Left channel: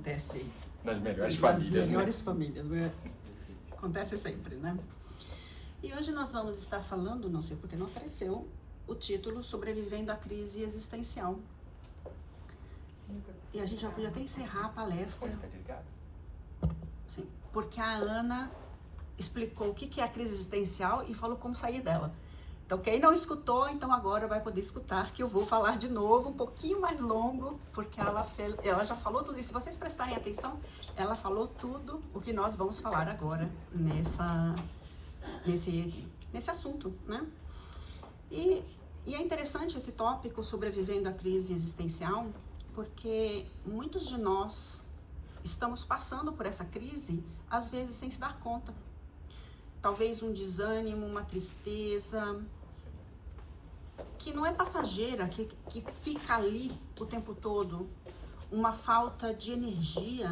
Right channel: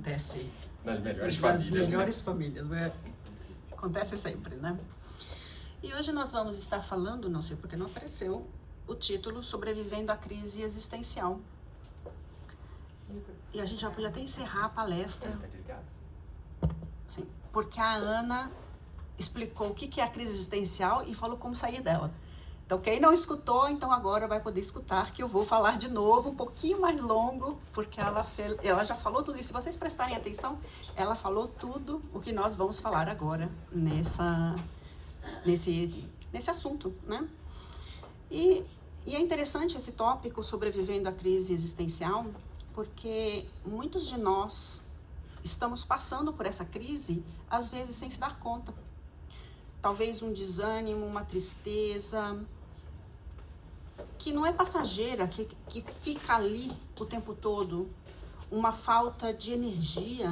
acontece Nas melhores nas famílias, melhores famílias, né? Acontece sempre, né? E hoje nós vamos estar falando, não sei porque não apareceu, o título Sobrevivendo à Crise Existencial. E a gente já podia até encerrar a palestra, sim, porque a Ana explicou o que é a crise existencial e falou como sair dela. Então, quem não escutou, então agora vai poder escutar, que eu vou falar de novo, um pouquinho mais longo, porque ela já falou tudo isso. Se vocês prestarem atenção, ela falou tudo o que nós vamos falar agora nesse assunto, né? E é interessante esse tópico, sobrevivendo à crise existencial, porque muitos de nós estamos passando por essa crise, às vezes sem se dar conta. Talvez um desânimo, uma tristeza, que não é passageira, que fica ali o tempo todo, uma falta de energia,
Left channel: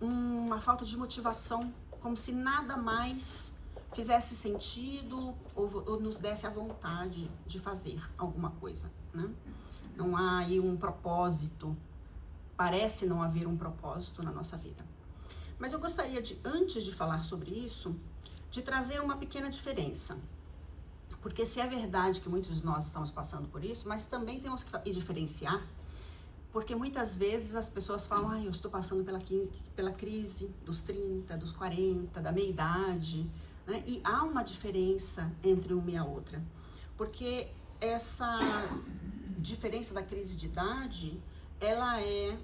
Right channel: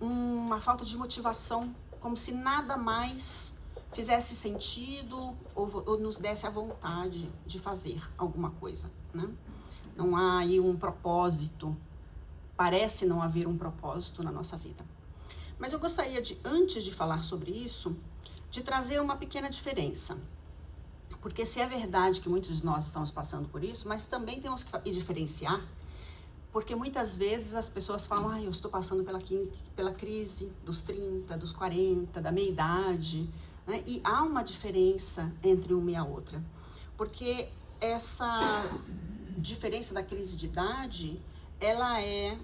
uma falta de motivação, como se nada mais fizesse sentido ou nos desse a vontade de fazer alguma coisa, né? Não há aí um propósito, parece não haver um propósito na nossa vida. Mas eu gostaria de, antes de falar sobre isso, de trazer uma pequena diferença. Porque se é verdade que muitos de nós estamos passando por isso, mas também temos que diferenciar, porque muitas vezes as pessoas falam, eu estou passando pela crise dos 30, dos 40, da meia-idade, né? E há uma diferença entre uma e a outra, porque essa diferença da crise de idade, ela é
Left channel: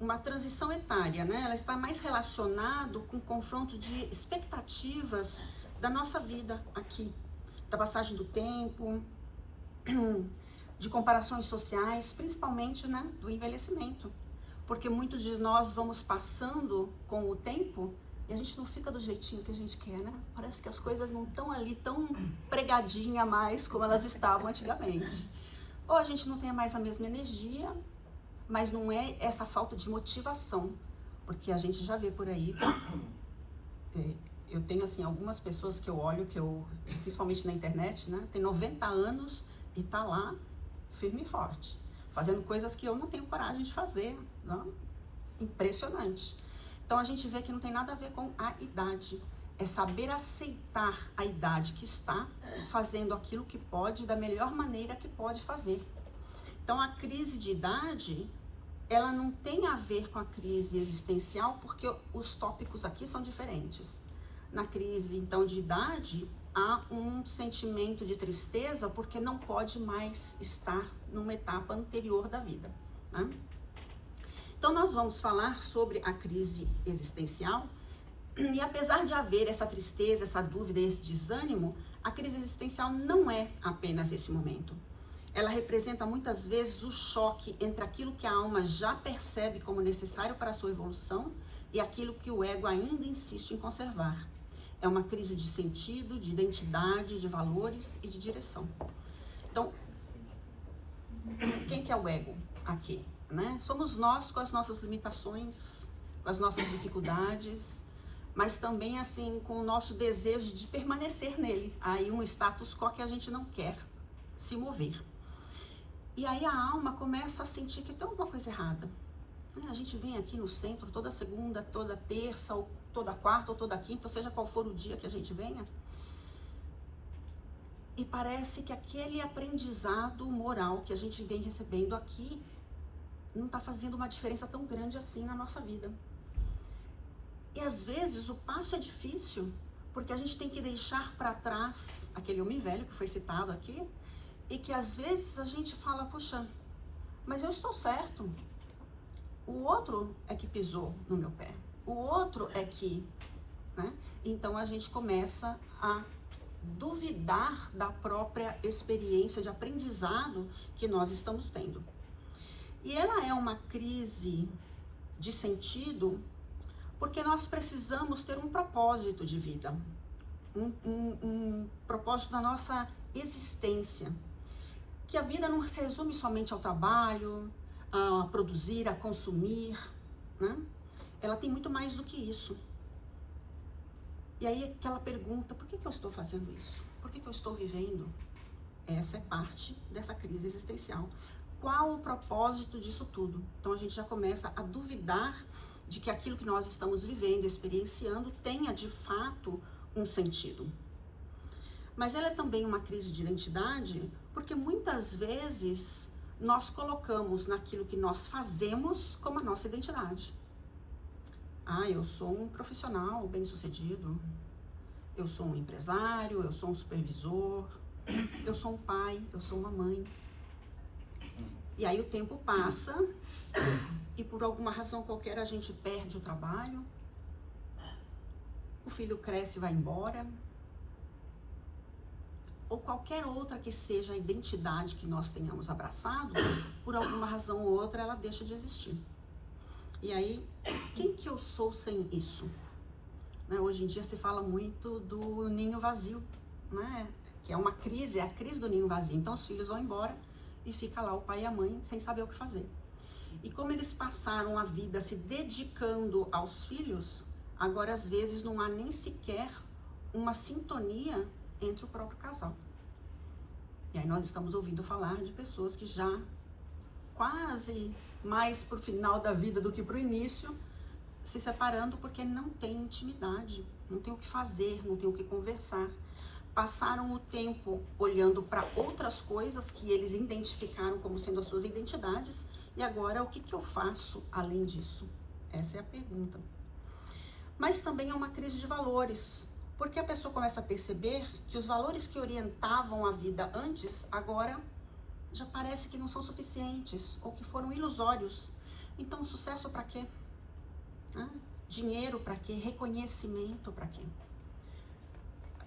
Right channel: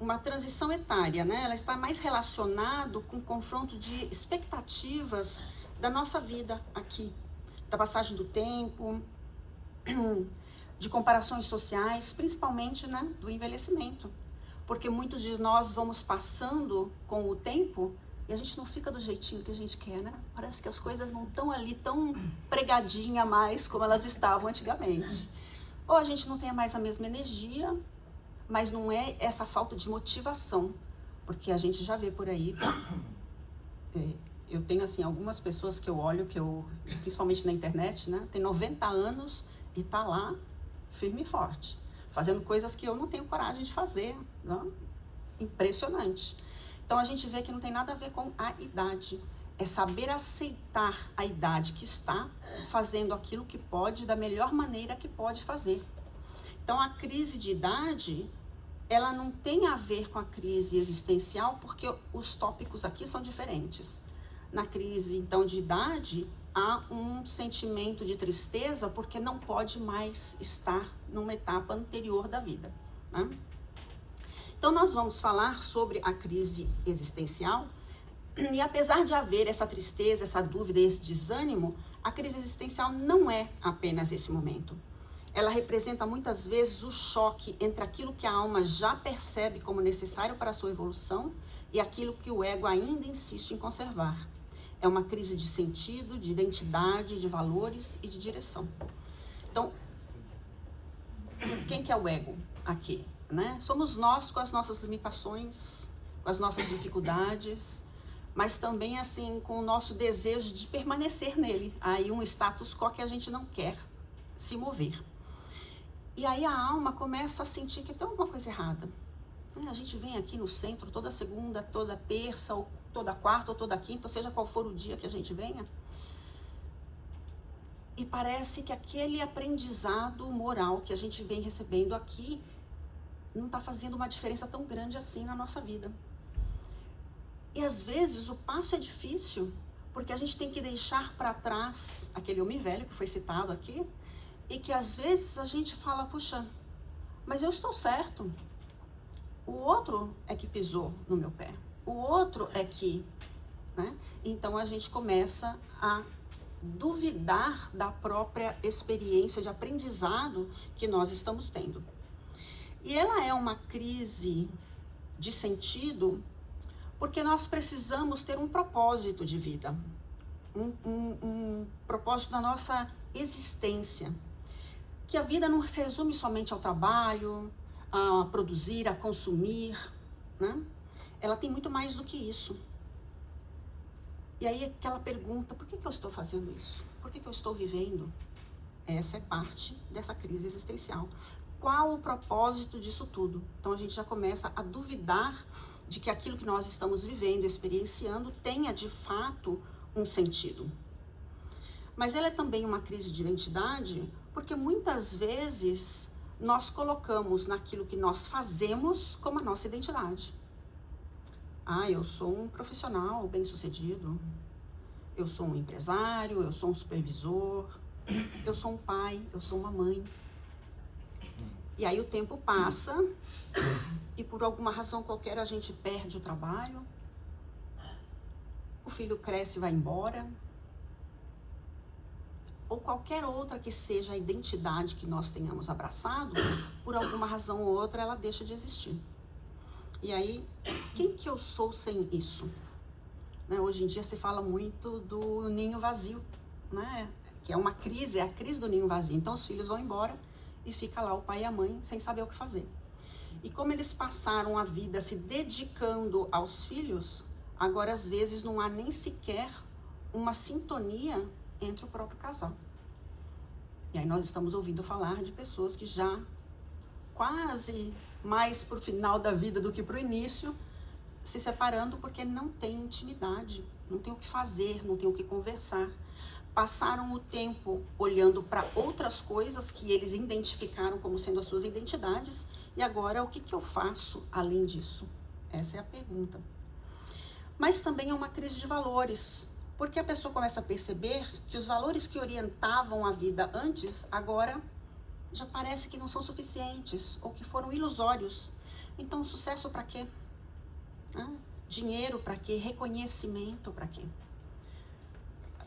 uma transição etária, né? Ela está mais relacionado com o confronto de expectativas da nossa vida aqui, da passagem do tempo, de comparações sociais, principalmente, né, do envelhecimento. Porque muitos de nós vamos passando com o tempo e a gente não fica do jeitinho que a gente quer, né? Parece que as coisas não estão ali tão pregadinha mais como elas estavam antigamente. Ou a gente não tem mais a mesma energia, mas não é essa falta de motivação, porque a gente já vê por aí, eu tenho assim algumas pessoas que eu olho, principalmente na internet, né, tem 90 anos e tá lá firme e forte, fazendo coisas que eu não tenho coragem de fazer, né? Impressionante. Então a gente vê que não tem nada a ver com a idade, é saber aceitar a idade que está, fazendo aquilo que pode, da melhor maneira que pode fazer. Então a crise de idade, ela não tem a ver com a crise existencial, porque os tópicos aqui são diferentes. Na crise, então, de idade, há um sentimento de tristeza, porque não pode mais estar numa etapa anterior da vida, né? Então, nós vamos falar sobre a crise existencial, e apesar de haver essa tristeza, essa dúvida, esse desânimo, a crise existencial não é apenas esse momento. Ela representa muitas vezes o choque entre aquilo que a alma já percebe como necessário para a sua evolução e aquilo que o ego ainda insiste em conservar. É uma crise de sentido, de identidade, de valores e de direção. Então, quem que é o ego aqui, né? Somos nós com as nossas limitações, com as nossas dificuldades, mas também assim com o nosso desejo de permanecer nele. Aí um status quo que a gente não quer se mover. E aí a alma começa a sentir que tem alguma coisa errada. A gente vem aqui no centro toda segunda, toda terça, ou toda quarta, ou toda quinta, ou seja qual for o dia que a gente venha. E parece que aquele aprendizado moral que a gente vem recebendo aqui não está fazendo uma diferença tão grande assim na nossa vida. E às vezes o passo é difícil, porque a gente tem que deixar para trás aquele homem velho que foi citado aqui, e que às vezes a gente fala, puxa, mas eu estou certo. O outro é que pisou no meu pé. O outro é que, né? Então a gente começa a duvidar da própria experiência de aprendizado que nós estamos tendo. E ela é uma crise de sentido porque nós precisamos ter um propósito de vida, um propósito da nossa existência. Que a vida não se resume somente ao trabalho, a produzir, a consumir, né? Ela tem muito mais do que isso. E aí aquela pergunta, por que eu estou fazendo isso? Por que eu estou vivendo? Essa é parte dessa crise existencial. qual o propósito disso tudo? Então a gente já começa a duvidar de que aquilo que nós estamos vivendo, experienciando, tenha de fato um sentido. Mas ela é também uma crise de identidade, porque muitas vezes nós colocamos naquilo que nós fazemos como a nossa identidade. Eu sou um profissional bem-sucedido, eu sou um empresário, eu sou um supervisor, eu sou um pai, eu sou uma mãe. E aí o tempo passa e por alguma razão qualquer a gente perde o trabalho, o filho cresce e vai embora, ou qualquer outra que seja a identidade que nós tenhamos abraçado, por alguma razão ou outra ela deixa de existir. E aí, quem que eu sou sem isso? Hoje em dia se fala muito do ninho vazio, né? Que é uma crise, é a crise do ninho vazio. Então os filhos vão embora e fica lá o pai e a mãe sem saber o que fazer. E como eles passaram a vida se dedicando aos filhos, agora às vezes não há nem sequer uma sintonia entre o próprio casal. E aí nós estamos ouvindo falar de pessoas que já quase mais para o final da vida do que para o início, se separando porque não tem intimidade, não tem o que fazer, não tem o que conversar. Passaram o tempo olhando para outras coisas que eles identificaram como sendo as suas identidades, e agora o que eu faço além disso? Essa é a pergunta. Mas também é uma crise de valores, porque a pessoa começa a perceber que os valores que orientavam a vida antes, agora já parece que não são suficientes, ou que foram ilusórios. Então, sucesso para quê? Dinheiro para quê? Reconhecimento para quê?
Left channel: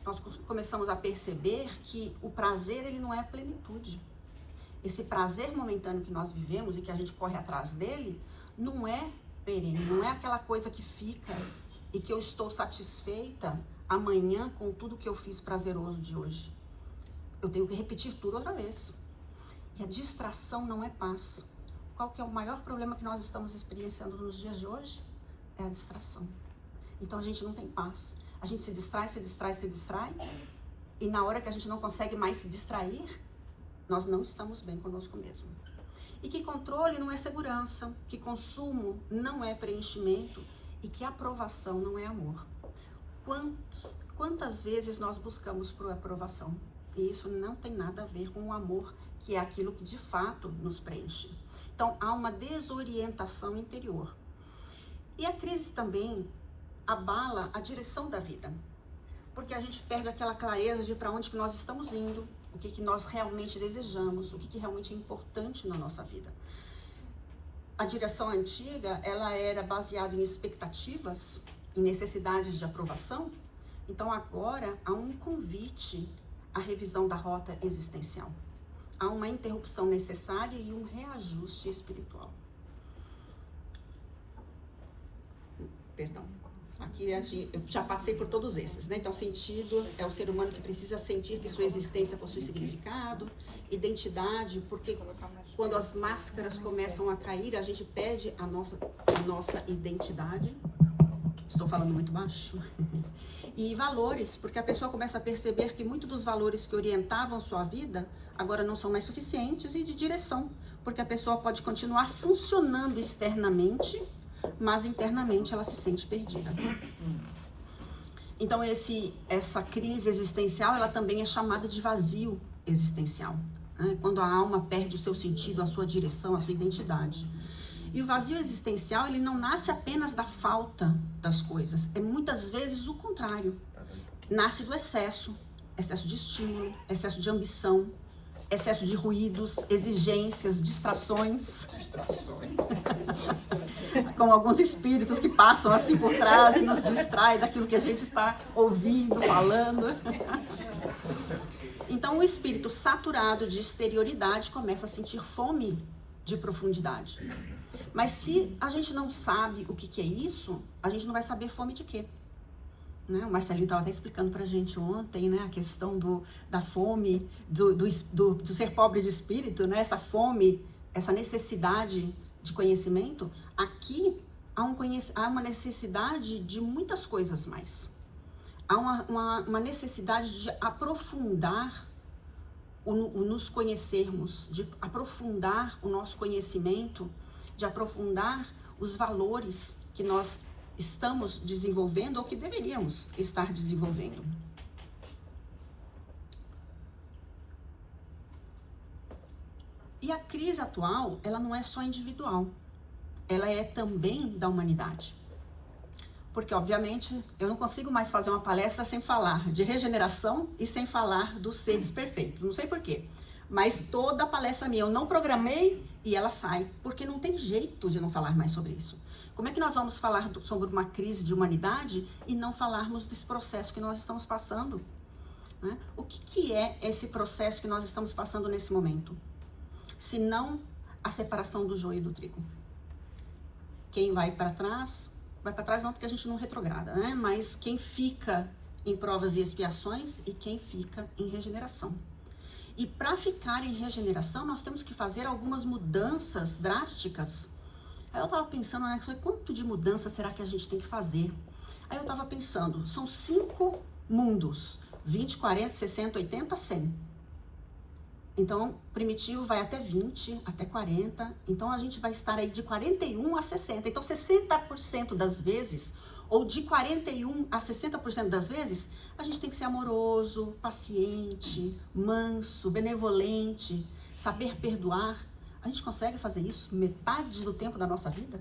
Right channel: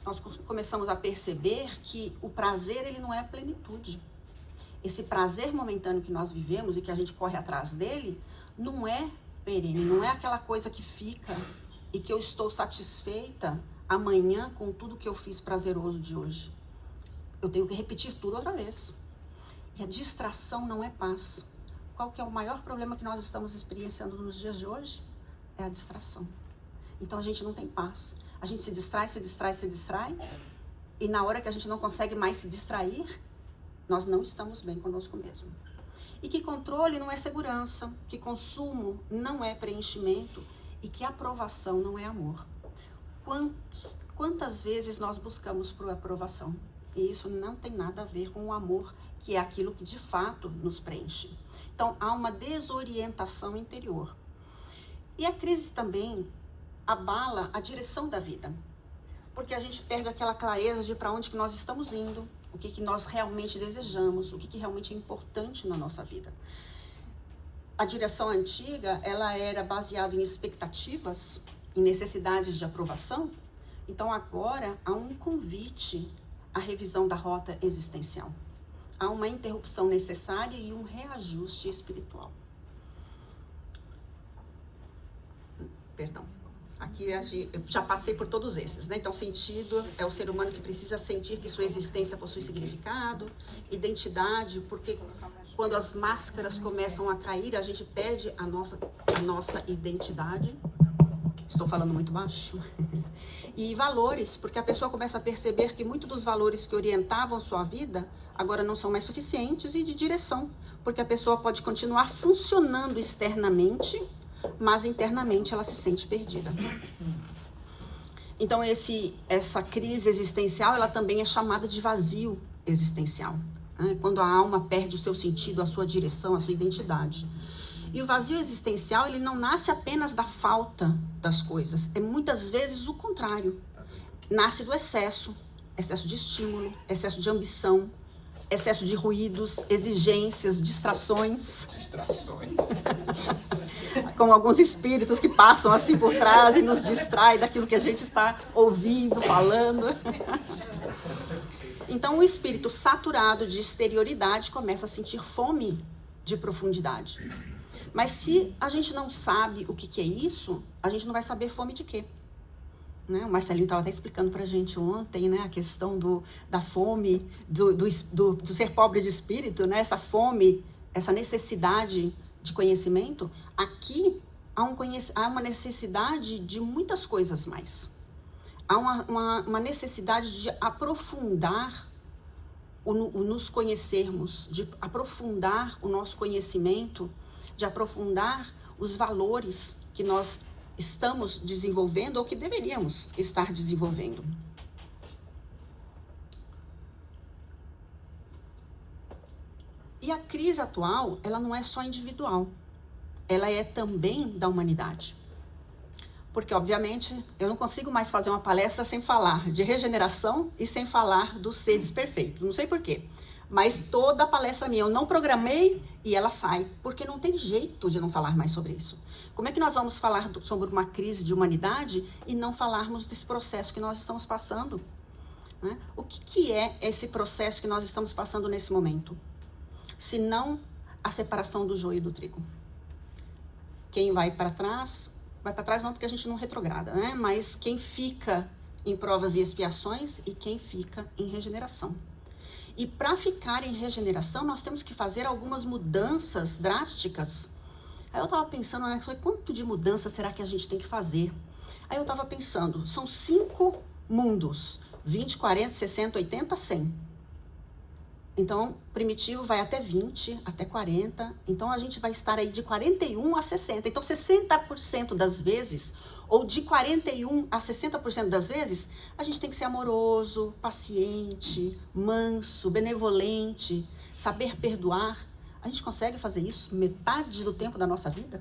Nós começamos a perceber que o prazer, ele não é plenitude. Esse prazer momentâneo que nós vivemos e que a gente corre atrás dele, não é perene, não é aquela coisa que fica e que eu estou satisfeita amanhã com tudo que eu fiz prazeroso de hoje. Eu tenho que repetir tudo outra vez. E a distração não é paz. Qual que é o maior problema que nós estamos experienciando nos dias de hoje? É a distração. Então a gente não tem paz. A gente se distrai, e na hora que a gente não consegue mais se distrair, nós não estamos bem conosco mesmo. E que controle não é segurança, que consumo não é preenchimento e que aprovação não é amor. Quantas vezes nós buscamos por aprovação? E isso não tem nada a ver com o amor, que é aquilo que de fato nos preenche. Então há uma desorientação interior. E a crise também abala a direção da vida, porque a gente perde aquela clareza de para onde que nós estamos indo, o que nós realmente desejamos, o que realmente é importante na nossa vida. A direção antiga, ela era baseada em expectativas, em necessidades de aprovação. Então agora há um convite à revisão da rota existencial. Há uma interrupção necessária e um reajuste espiritual. Perdão. Aqui eu já passei por todos esses, né? Então, sentido é o ser humano que precisa sentir que sua existência possui significado. Identidade, porque quando as máscaras começam a cair, a gente perde a nossa identidade. Estou falando muito baixo. E valores, porque a pessoa começa a perceber que muitos dos valores que orientavam sua vida agora não são mais suficientes, e de direção, porque a pessoa pode continuar funcionando externamente, mas internamente ela se sente perdida. Então essa crise existencial, ela também é chamada de vazio existencial, né? Quando a alma perde o seu sentido, a sua direção, a sua identidade. E o vazio existencial, ele não nasce apenas da falta das coisas, é muitas vezes o contrário. Nasce do excesso de estímulo, excesso de ambição, excesso de ruídos, exigências, distrações. Como alguns espíritos que passam assim por trás e nos distraem daquilo que a gente está ouvindo, falando. Então o espírito saturado de exterioridade começa a sentir fome de profundidade. Mas se a gente não sabe o que é isso, a gente não vai saber fome de quê? Né? O Marcelinho estava até explicando para a gente ontem, né, a questão da fome, do ser pobre de espírito, né? Essa fome, essa necessidade de conhecimento. Aqui há uma necessidade de muitas coisas mais. Há uma necessidade de aprofundar o nos conhecermos, de aprofundar o nosso conhecimento, de aprofundar os valores que nós estamos desenvolvendo ou que deveríamos estar desenvolvendo. E a crise atual, ela não é só individual, ela é também da humanidade. Porque, obviamente, eu não consigo mais fazer uma palestra sem falar de regeneração e sem falar dos seres perfeitos. Não sei por quê, mas toda a palestra minha eu não programei e ela sai, porque não tem jeito de não falar mais sobre isso. Como é que nós vamos falar sobre uma crise de humanidade e não falarmos desse processo que nós estamos passando? Né? O que é esse processo que nós estamos passando nesse momento? Se não a separação do joio e do trigo. Quem vai para trás não porque a gente não retrograda, né? Mas quem fica em provas e expiações e quem fica em regeneração. E para ficar em regeneração, nós temos que fazer algumas mudanças drásticas. Aí eu estava pensando, né? Falei, quanto de mudança será que a gente tem que fazer? Aí eu estava pensando, são 5 mundos, 20, 40, 60, 80, 100. Então, primitivo vai até 20, até 40. Então, a gente vai estar aí de 41 a 60. Então, 60% das vezes, ou de 41 a 60% das vezes, a gente tem que ser amoroso, paciente, manso, benevolente, saber perdoar. A gente consegue fazer isso metade do tempo da nossa vida?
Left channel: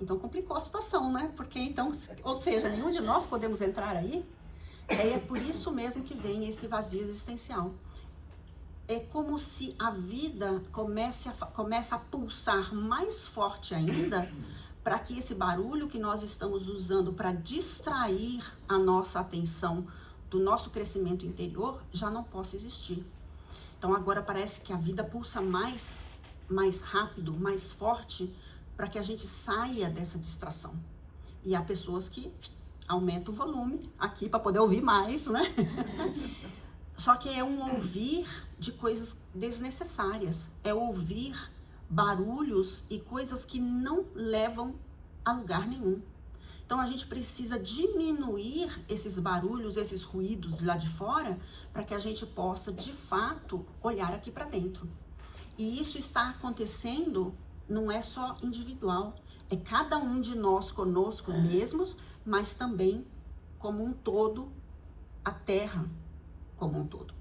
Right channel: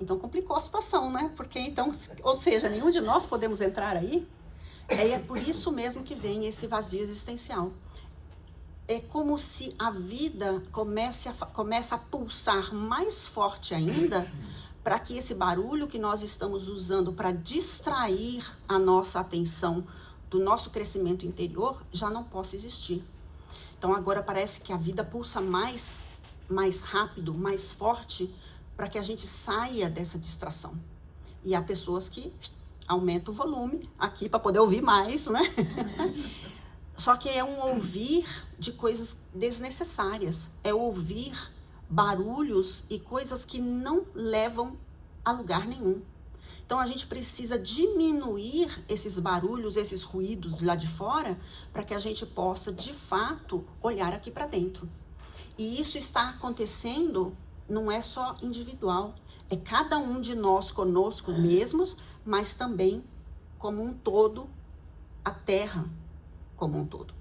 Então, complicou a situação, né? Porque, então, ou seja, nenhum de nós podemos entrar aí. É por isso mesmo que vem esse vazio existencial. É como se a vida começa a pulsar mais forte ainda para que esse barulho que nós estamos usando para distrair a nossa atenção do nosso crescimento interior já não possa existir. Então agora parece que a vida pulsa mais rápido, mais forte para que a gente saia dessa distração. E há pessoas que aumentam o volume aqui para poder ouvir mais, né? Só que é um ouvir de coisas desnecessárias, é ouvir barulhos e coisas que não levam a lugar nenhum. Então a gente precisa diminuir esses barulhos, esses ruídos de lá de fora, para que a gente possa de fato olhar aqui para dentro. E isso está acontecendo, não é só individual, é cada um de nós conosco mesmos, mas também como um todo, a Terra como um todo.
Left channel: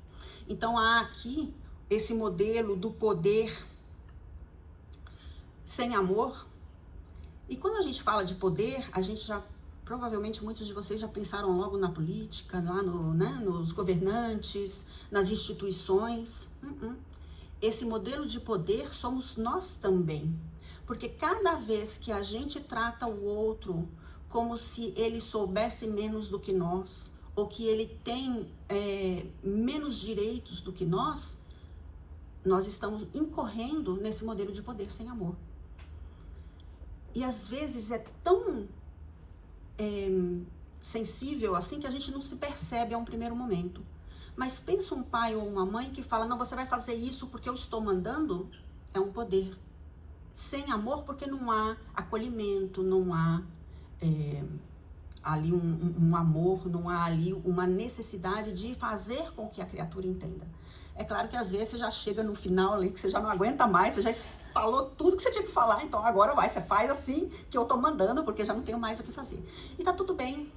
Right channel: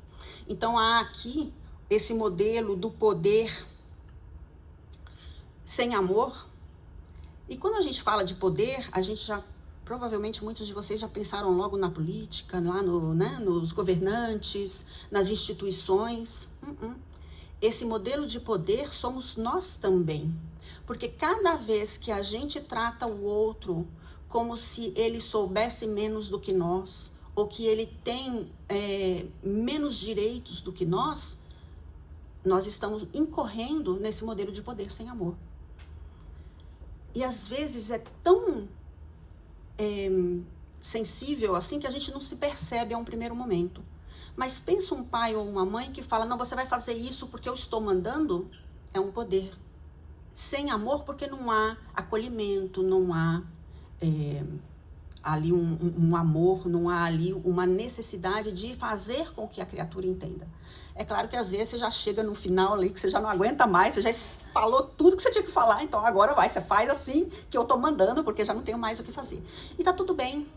Então há aqui esse modelo do poder sem amor. E quando a gente fala de poder, a gente já, provavelmente muitos de vocês já pensaram logo na política, lá nos governantes, nas instituições. Esse modelo de poder somos nós também. Porque cada vez que a gente trata o outro como se ele soubesse menos do que nós, ou que ele tem menos direitos do que nós estamos incorrendo nesse modelo de poder sem amor. E às vezes é tão sensível assim que a gente não se percebe a um primeiro momento. Mas pensa um pai ou uma mãe que fala, não, você vai fazer isso porque eu estou mandando, é um poder. Sem amor, porque não há acolhimento, não há ali um amor, não há ali uma necessidade de fazer com que a criatura entenda. É claro que às vezes você já chega no final ali, que você já não aguenta mais, você já falou tudo que você tinha que falar, então agora vai, você faz assim que eu tô mandando, porque já não tenho mais o que fazer. E tá tudo bem,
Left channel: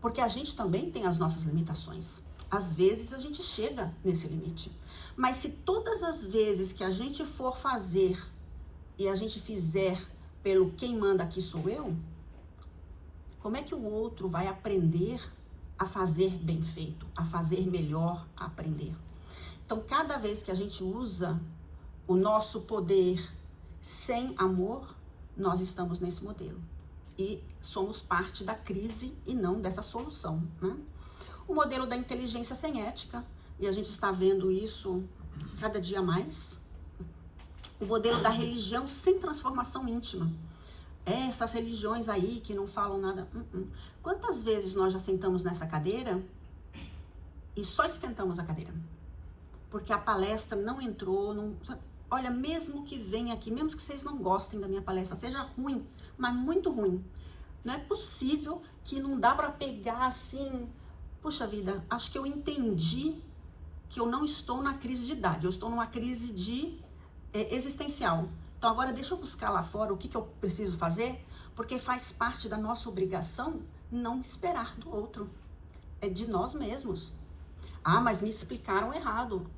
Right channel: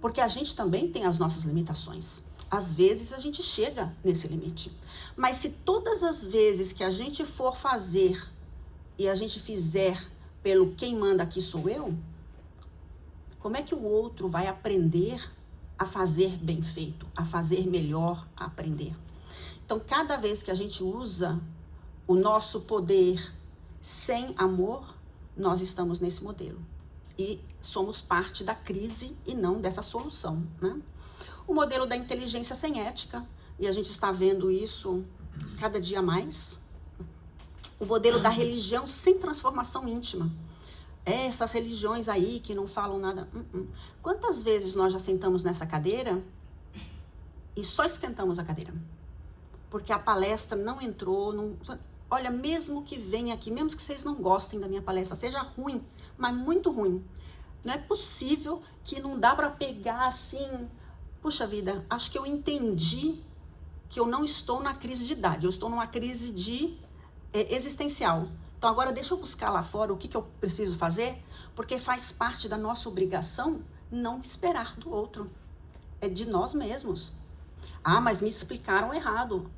porque a gente também tem as nossas limitações. Às vezes a gente chega nesse limite. Mas se todas as vezes que a gente for fazer e a gente fizer pelo quem manda aqui sou eu, como é que o outro vai aprender a fazer bem feito, a fazer melhor, a aprender? Então, cada vez que a gente usa o nosso poder sem amor, nós estamos nesse modelo. E somos parte da crise e não dessa solução, né? O modelo da inteligência sem ética, e a gente está vendo isso cada dia mais. O modelo da religião sem transformação íntima. Essas religiões aí que não falam nada. Quantas vezes nós já sentamos nessa cadeira e só esquentamos a cadeira? Porque a palestra não entrou. Olha, mesmo que venha aqui, mesmo que vocês não gostem da minha palestra, seja ruim, mas muito ruim. Não é possível que não dá para pegar assim, puxa vida, acho que eu entendi que eu não estou na crise de idade, eu estou numa crise existencial. Então agora deixa eu buscar lá fora o que eu preciso fazer, porque faz parte da nossa obrigação não esperar do outro. É de nós mesmos. Ah, mas me explicaram errado.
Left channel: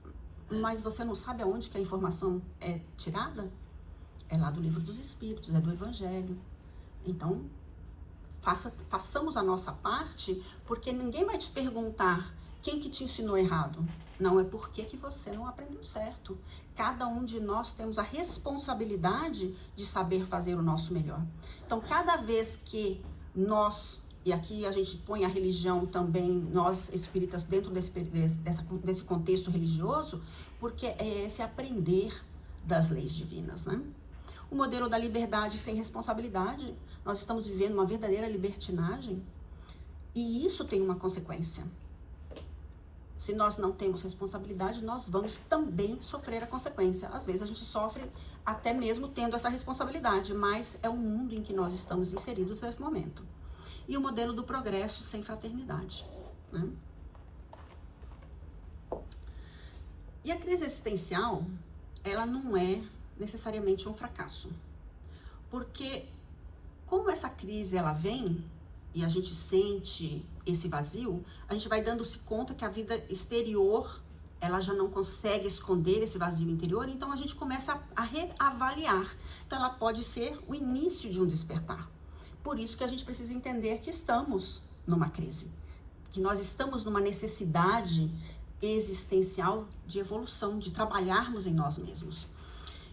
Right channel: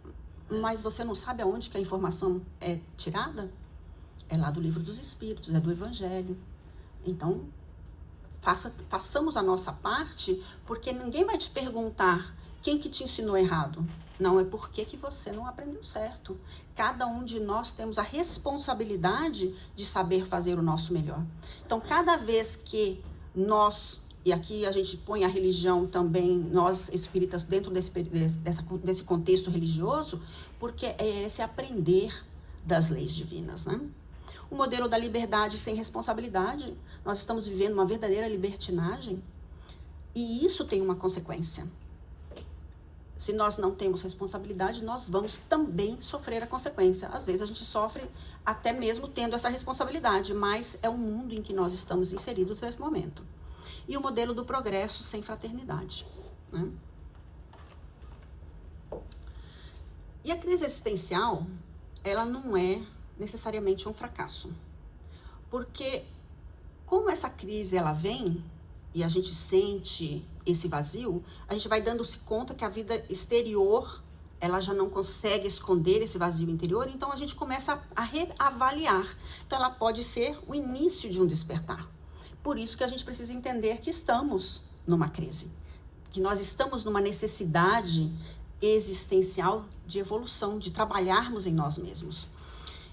Mas você não sabe aonde que a informação é tirada? É lá do Livro dos Espíritos, é do Evangelho. Então, façamos a nossa parte, porque ninguém vai te perguntar quem que te ensinou errado. Não, é porque que você não aprendeu certo. Cada um de nós temos a responsabilidade de saber fazer o nosso melhor. Então, cada vez que nós, e aqui a gente põe a religião também, nós espíritas, dentro desse contexto religioso, porque é esse aprender das leis divinas, né? O modelo da liberdade sem responsabilidade, nós estamos vivendo uma verdadeira libertinagem, e isso tem uma consequência. Se nós não temos responsabilidade, nós vamos também sofrer a consequência. Às vezes a gente sofre até mesmo tendo essa responsabilidade, mas é o mundo em que nós estamos inseridos nesse momento. E o modelo do progresso sem fraternidade, né? E a crise existencial, ela não é necessariamente um fracasso. Porque como essa crise ela vem e a gente sente esse vazio, a gente vai dando-se conta que a vida exterior, ela já não consegue esconder esse vazio interior, então a gente começa a reavaliar. Então ela pode ser o início de um despertar. Por isso que a gente precisa entender que estamos numa crise, que nós estamos numa necessidade existencial de evolução, de trabalharmos em nós mesmos.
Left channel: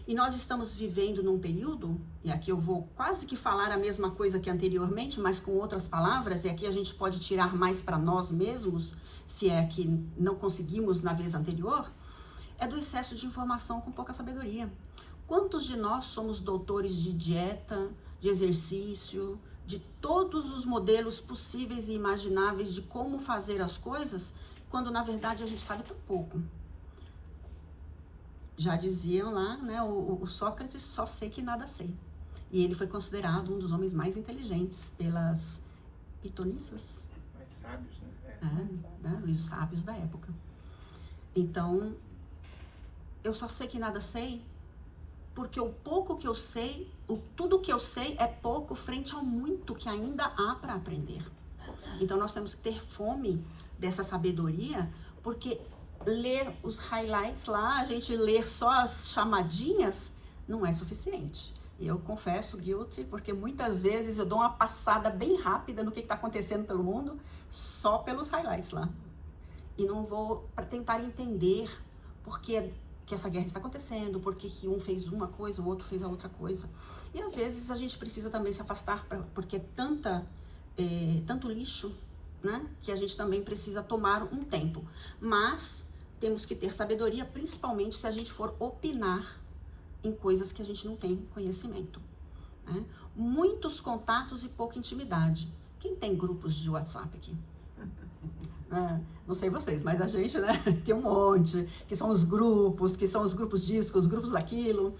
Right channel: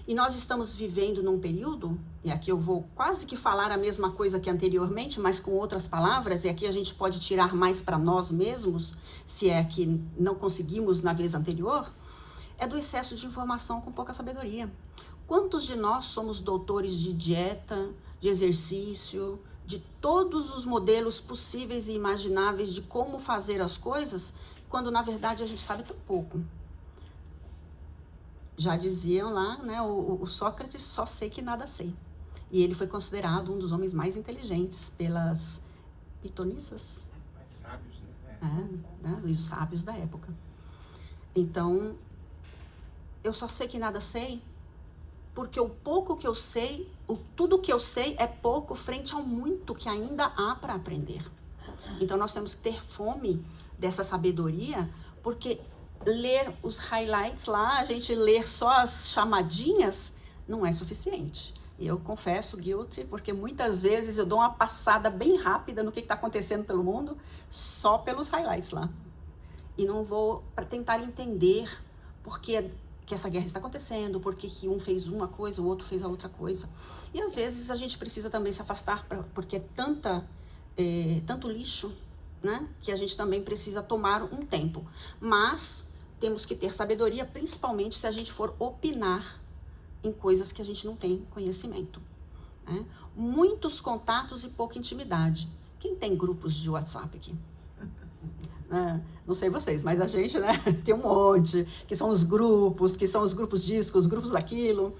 E nós estamos vivendo num período, e aqui eu vou quase que falar a mesma coisa que anteriormente, mas com outras palavras, e aqui a gente pode tirar mais para nós mesmos, se é que não conseguimos na vez anterior, é do excesso de informação com pouca sabedoria. Quantos de nós somos doutores de dieta, de exercício, de todos os modelos possíveis e imagináveis de como fazer as coisas, quando na verdade a gente sabe tão pouco? Já diziam lá, né, o Sócrates, só sei que nada sei. E ele foi considerado um dos homens mais inteligentes pelas pitonissas. Mais sábios, né? Os sábios da época. Então, eu só sei que nada sei, porque o pouco que eu sei, tudo que eu sei é pouco frente ao muito que ainda há para aprender. Então, nós temos que ter fome dessa sabedoria, porque ler os highlights lá, a gente ler só as chamadinhas, não é suficiente. E eu confesso, guilty, porque muitas vezes eu dou uma passada bem rápida no que está acontecendo pelo mundo, só pelos highlights lá. E não vou para tentar entender por que essa guerra está acontecendo, por que um fez uma coisa, o outro fez a outra coisa. E às vezes a gente precisa também se afastar, porque é tanto lixo, né, que a gente também precisa tomar um tempo. Mas temos que ter sabedoria, principalmente se a gente for opinar em coisas que a gente não tem conhecimento, né? Muitos contatos e pouca intimidade. Quem tem grupos de WhatsApp aqui? Não sei vocês, mas a gente, né, tem um monte, que são os grupos disso, os grupos daquilo.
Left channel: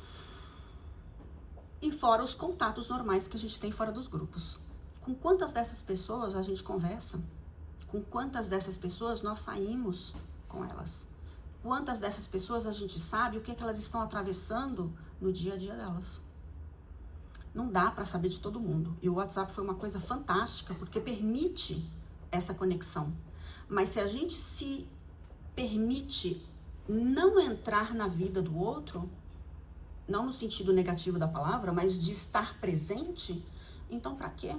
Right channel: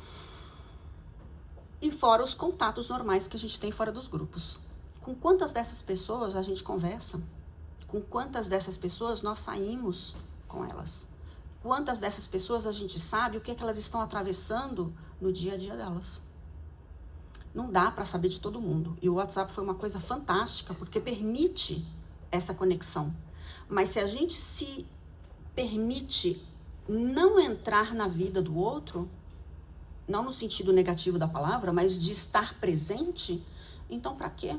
E fora os contatos normais que a gente tem fora dos grupos. Com quantas dessas pessoas a gente conversa? Com quantas dessas pessoas nós saímos com elas? Quantas dessas pessoas a gente sabe o que é que elas estão atravessando no dia a dia delas? Não dá para saber de todo mundo. E o WhatsApp foi uma coisa fantástica, porque permite essa conexão. Mas se a gente se permite não entrar na vida do outro, não no sentido negativo da palavra, mas de estar presente, então para quê?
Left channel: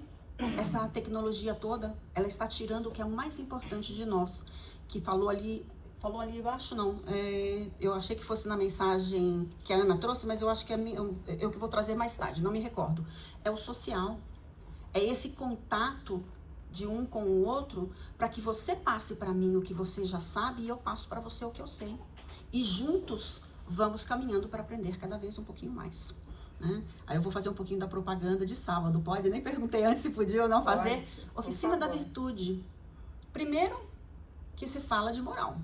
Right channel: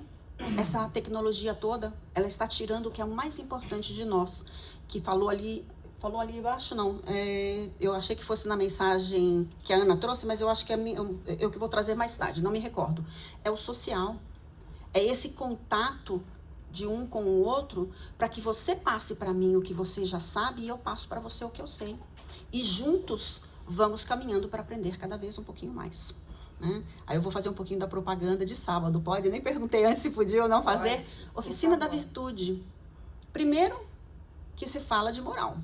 Essa tecnologia toda, ela está tirando o que é mais importante de nós, que falou ali embaixo, não, eu achei que fosse na mensagem que a Ana trouxe, mas eu acho que é eu que vou trazer mais tarde, não me recordo. É o social, é esse contato de um com o outro, para que você passe para mim o que você já sabe e eu passo para você o que eu sei. E juntos vamos caminhando para aprender cada vez um pouquinho mais, né? Aí eu vou fazer um pouquinho da propaganda de sábado, pode? Nem perguntei antes se podia ou não fazer. Oficina da Virtude. Primeiro, que se fala de moral,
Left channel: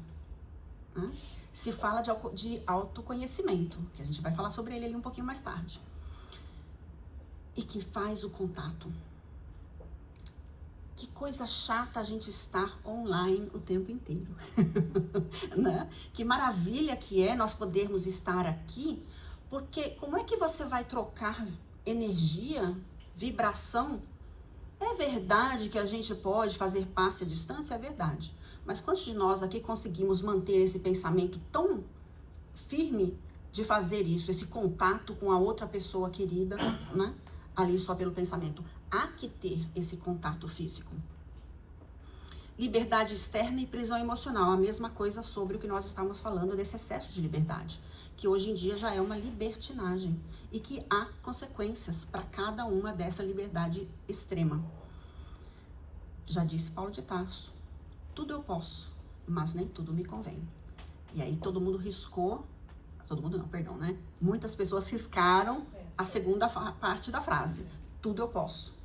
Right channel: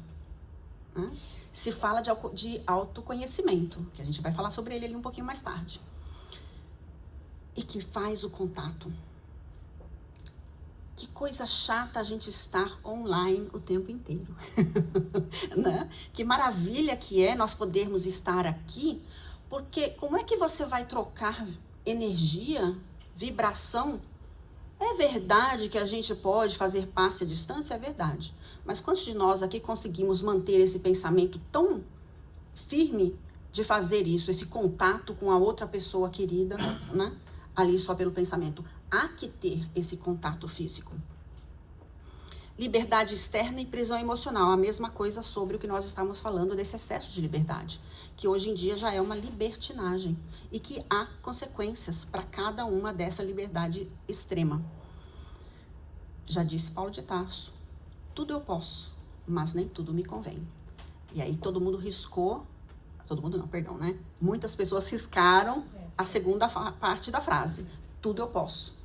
né? Se fala de autoconhecimento, que a gente vai falar sobre ele ali um pouquinho mais tarde. E que faz o contato, Que coisa chata a gente estar online o tempo inteiro, né? Que maravilha que é nós podermos estar aqui, porque como é que você vai trocar energia, vibração? É verdade que a gente pode fazer passe à distância? É verdade. Mas quantos de nós aqui conseguimos manter esse pensamento tão firme de fazer isso, esse contato com a outra pessoa querida, né? Ali só pelo pensamento. Há que ter esse contato físico. Liberdade externa e prisão emocional. A mesma coisa sobre o que nós estamos falando desse excesso de liberdade, que hoje em dia já é uma libertinagem e que há consequências para cada uma dessa liberdade extrema. Já disse Paulo de Tarso, tudo eu posso, mas nem tudo me convém. E aí todo mundo riscou, todo mundo não, perdão, né? Muitas pessoas riscaram a segunda parte da frase, tudo eu posso.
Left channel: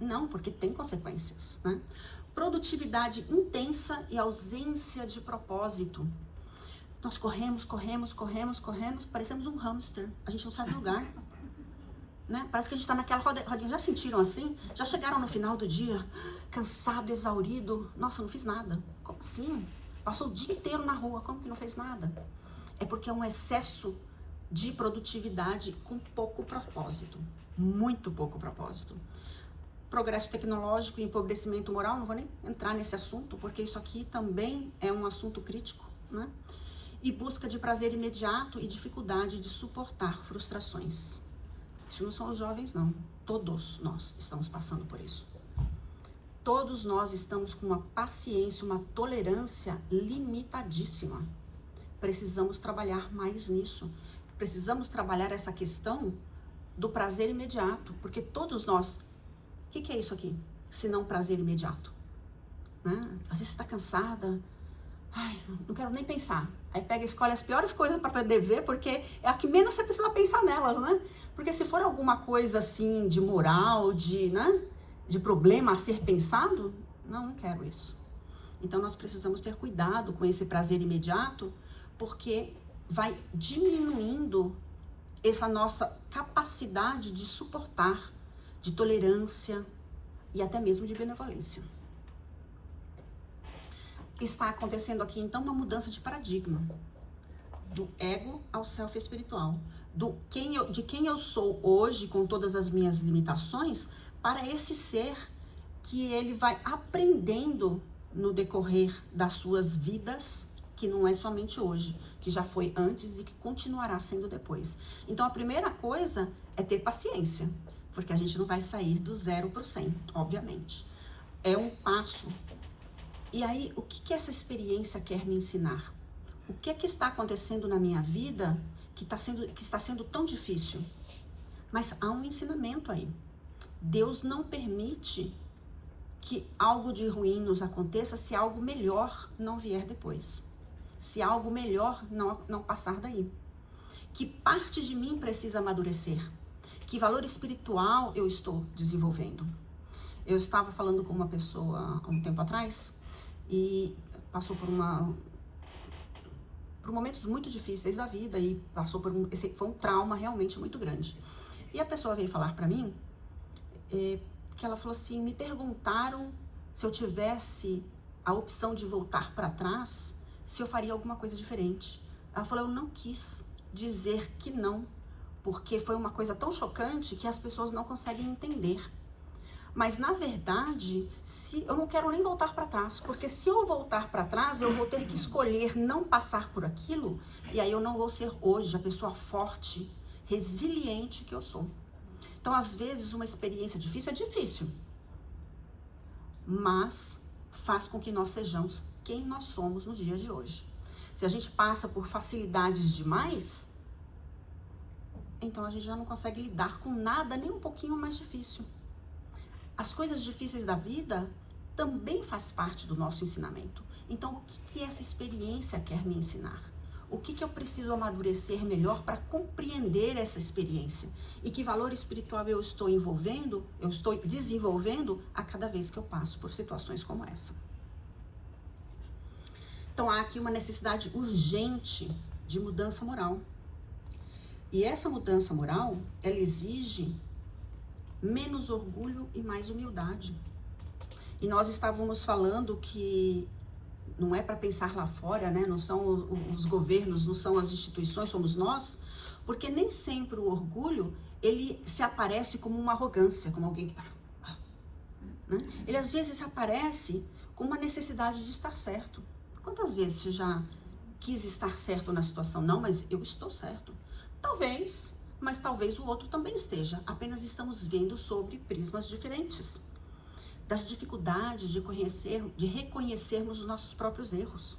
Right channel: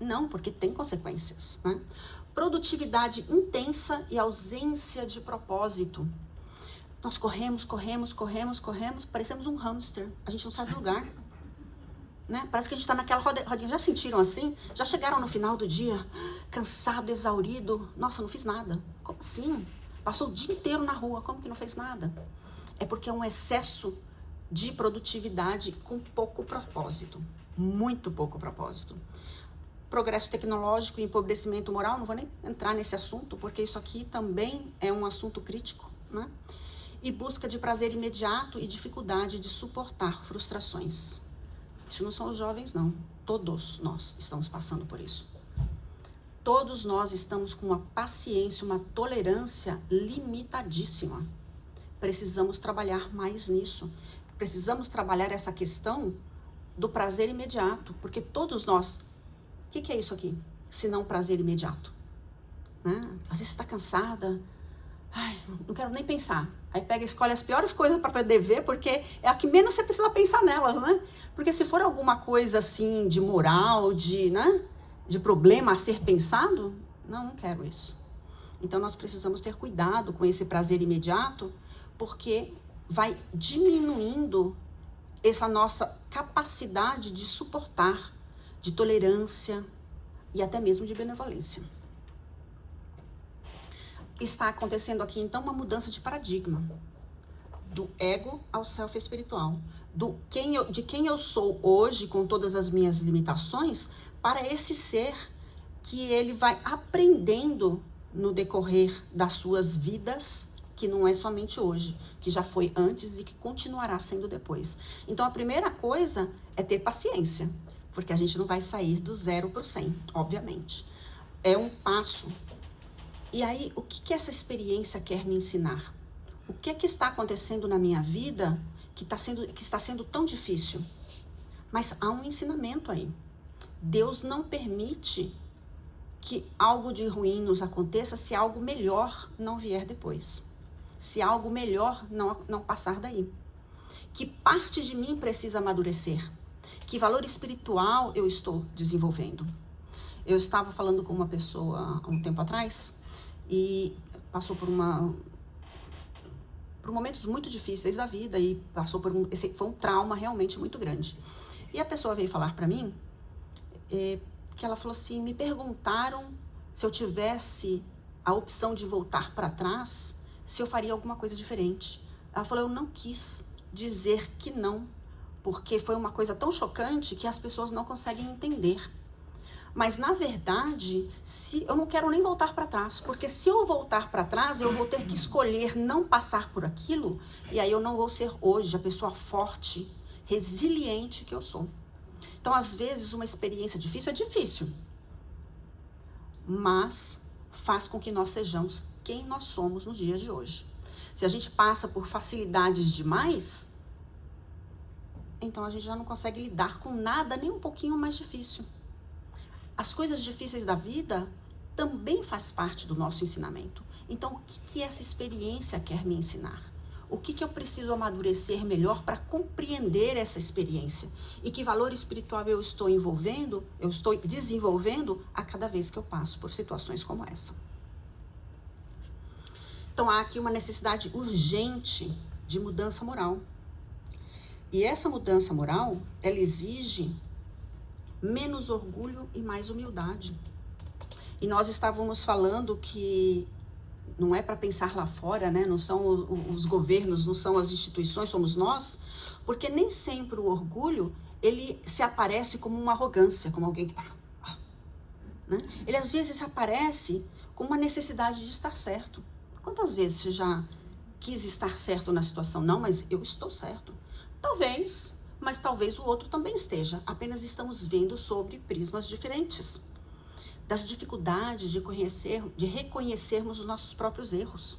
Não, porque tem consequências, né? Produtividade intensa e ausência de propósito. Nós corremos, parecemos um hamster. A gente não sai do lugar, né? Parece que a gente está naquela rodinha. Já sentiram assim? Já chegaram no final do dia, cansado, exaurido? Nossa, não fiz nada. Como assim? Passou o dia inteiro na rua, como que não fez nada? É porque é um excesso de produtividade com pouco propósito. Muito pouco propósito. Progresso tecnológico e empobrecimento moral, não vou nem entrar nesse assunto, porque isso aqui também é um assunto crítico, né? E busca de prazer imediato e dificuldade de suportar frustrações. Isso não são os jovens, não. Todos nós estamos passando por isso. Todos nós estamos com uma paciência, uma tolerância limitadíssima. Precisamos trabalhar mais nisso. Precisamos trabalhar essa questão do prazer imediato, porque todos nós... O que é isso aqui? Se não prazer imediato, né? Às vezes você está cansada, ai, não quero nem pensar. Aí pega e escolhe as piores coisas para poder ver, porque é a que menos você precisa pensar nelas, né? Porque se for alguma coisa assim de moral, né, de problema a ser pensado, não quero isso. Então nós precisamos ter cuidado com esse prazer imediato, porque vai diminuindo essa nossa capacidade de suportar, de tolerância e até mesmo de benevolência. Está acontecendo aqui, então, uma mudança de paradigma, do ego ao self espiritual, de quem eu sou hoje, com todas as minhas limitações, para esse ser que ele vai aprendendo no decorrer das suas vidas, que não é somente hoje, que já foi antes e que continuará sendo depois. Então, a primeira coisa é ter paciência, porque a gente não vai sair do 0 para o 100, obviamente. É um passo. E aí, o que essa experiência quer me ensinar? O que é que está acontecendo na minha vida que está sendo tão difícil? Mas há um ensinamento aí. Deus não permite que algo de ruim nos aconteça se algo melhor não vier depois. Se algo melhor não passar daí. Que parte de mim precisa amadurecer? Que valor espiritual eu estou desenvolvendo? Eu estava falando com uma pessoa há um tempo atrás e passou por momentos muito difíceis da vida e passou foi um trauma realmente muito grande. E a pessoa veio falar para mim que ela falou assim, me perguntaram se eu tivesse a opção de voltar para trás, se eu faria alguma coisa diferente. Ela falou, eu não quis dizer que não, porque foi uma coisa tão chocante que as pessoas não conseguem entender. Mas, na verdade, eu não quero nem voltar para trás, porque se eu voltar para trás, eu vou ter que escolher não passar por aquilo, e aí eu não vou ser hoje a pessoa forte, resiliente que eu sou. Então, às vezes, uma experiência difícil é difícil, mas faz com que nós sejamos quem nós somos no dia de hoje. Se a gente passa por facilidades demais, então a gente já não consegue lidar com nada nem um pouquinho mais difícil. As coisas difíceis da vida também faz parte do nosso ensinamento. Então, o que essa experiência quer me ensinar? O que eu preciso amadurecer melhor para compreender essa experiência? E que valor espiritual eu estou desenvolvendo a cada vez que eu passo por situações como essa? Então, há aqui uma necessidade urgente de mudança moral. E essa mudança moral, ela exige menos orgulho e mais humildade. E nós estávamos falando que não é para pensar lá fora, né? Não são os governos, não são as instituições, somos nós, porque nem sempre o orgulho, ele se aparece como uma arrogância, como alguém que está... Né? Ele às vezes aparece com uma necessidade de estar certo. Quantas vezes você já quis estar certo na situação? Não, mas eu estou certo. Talvez, mas talvez o outro também esteja. Apenas estamos vendo sobre prismas diferentes. Das dificuldades de reconhecermos os nossos próprios erros.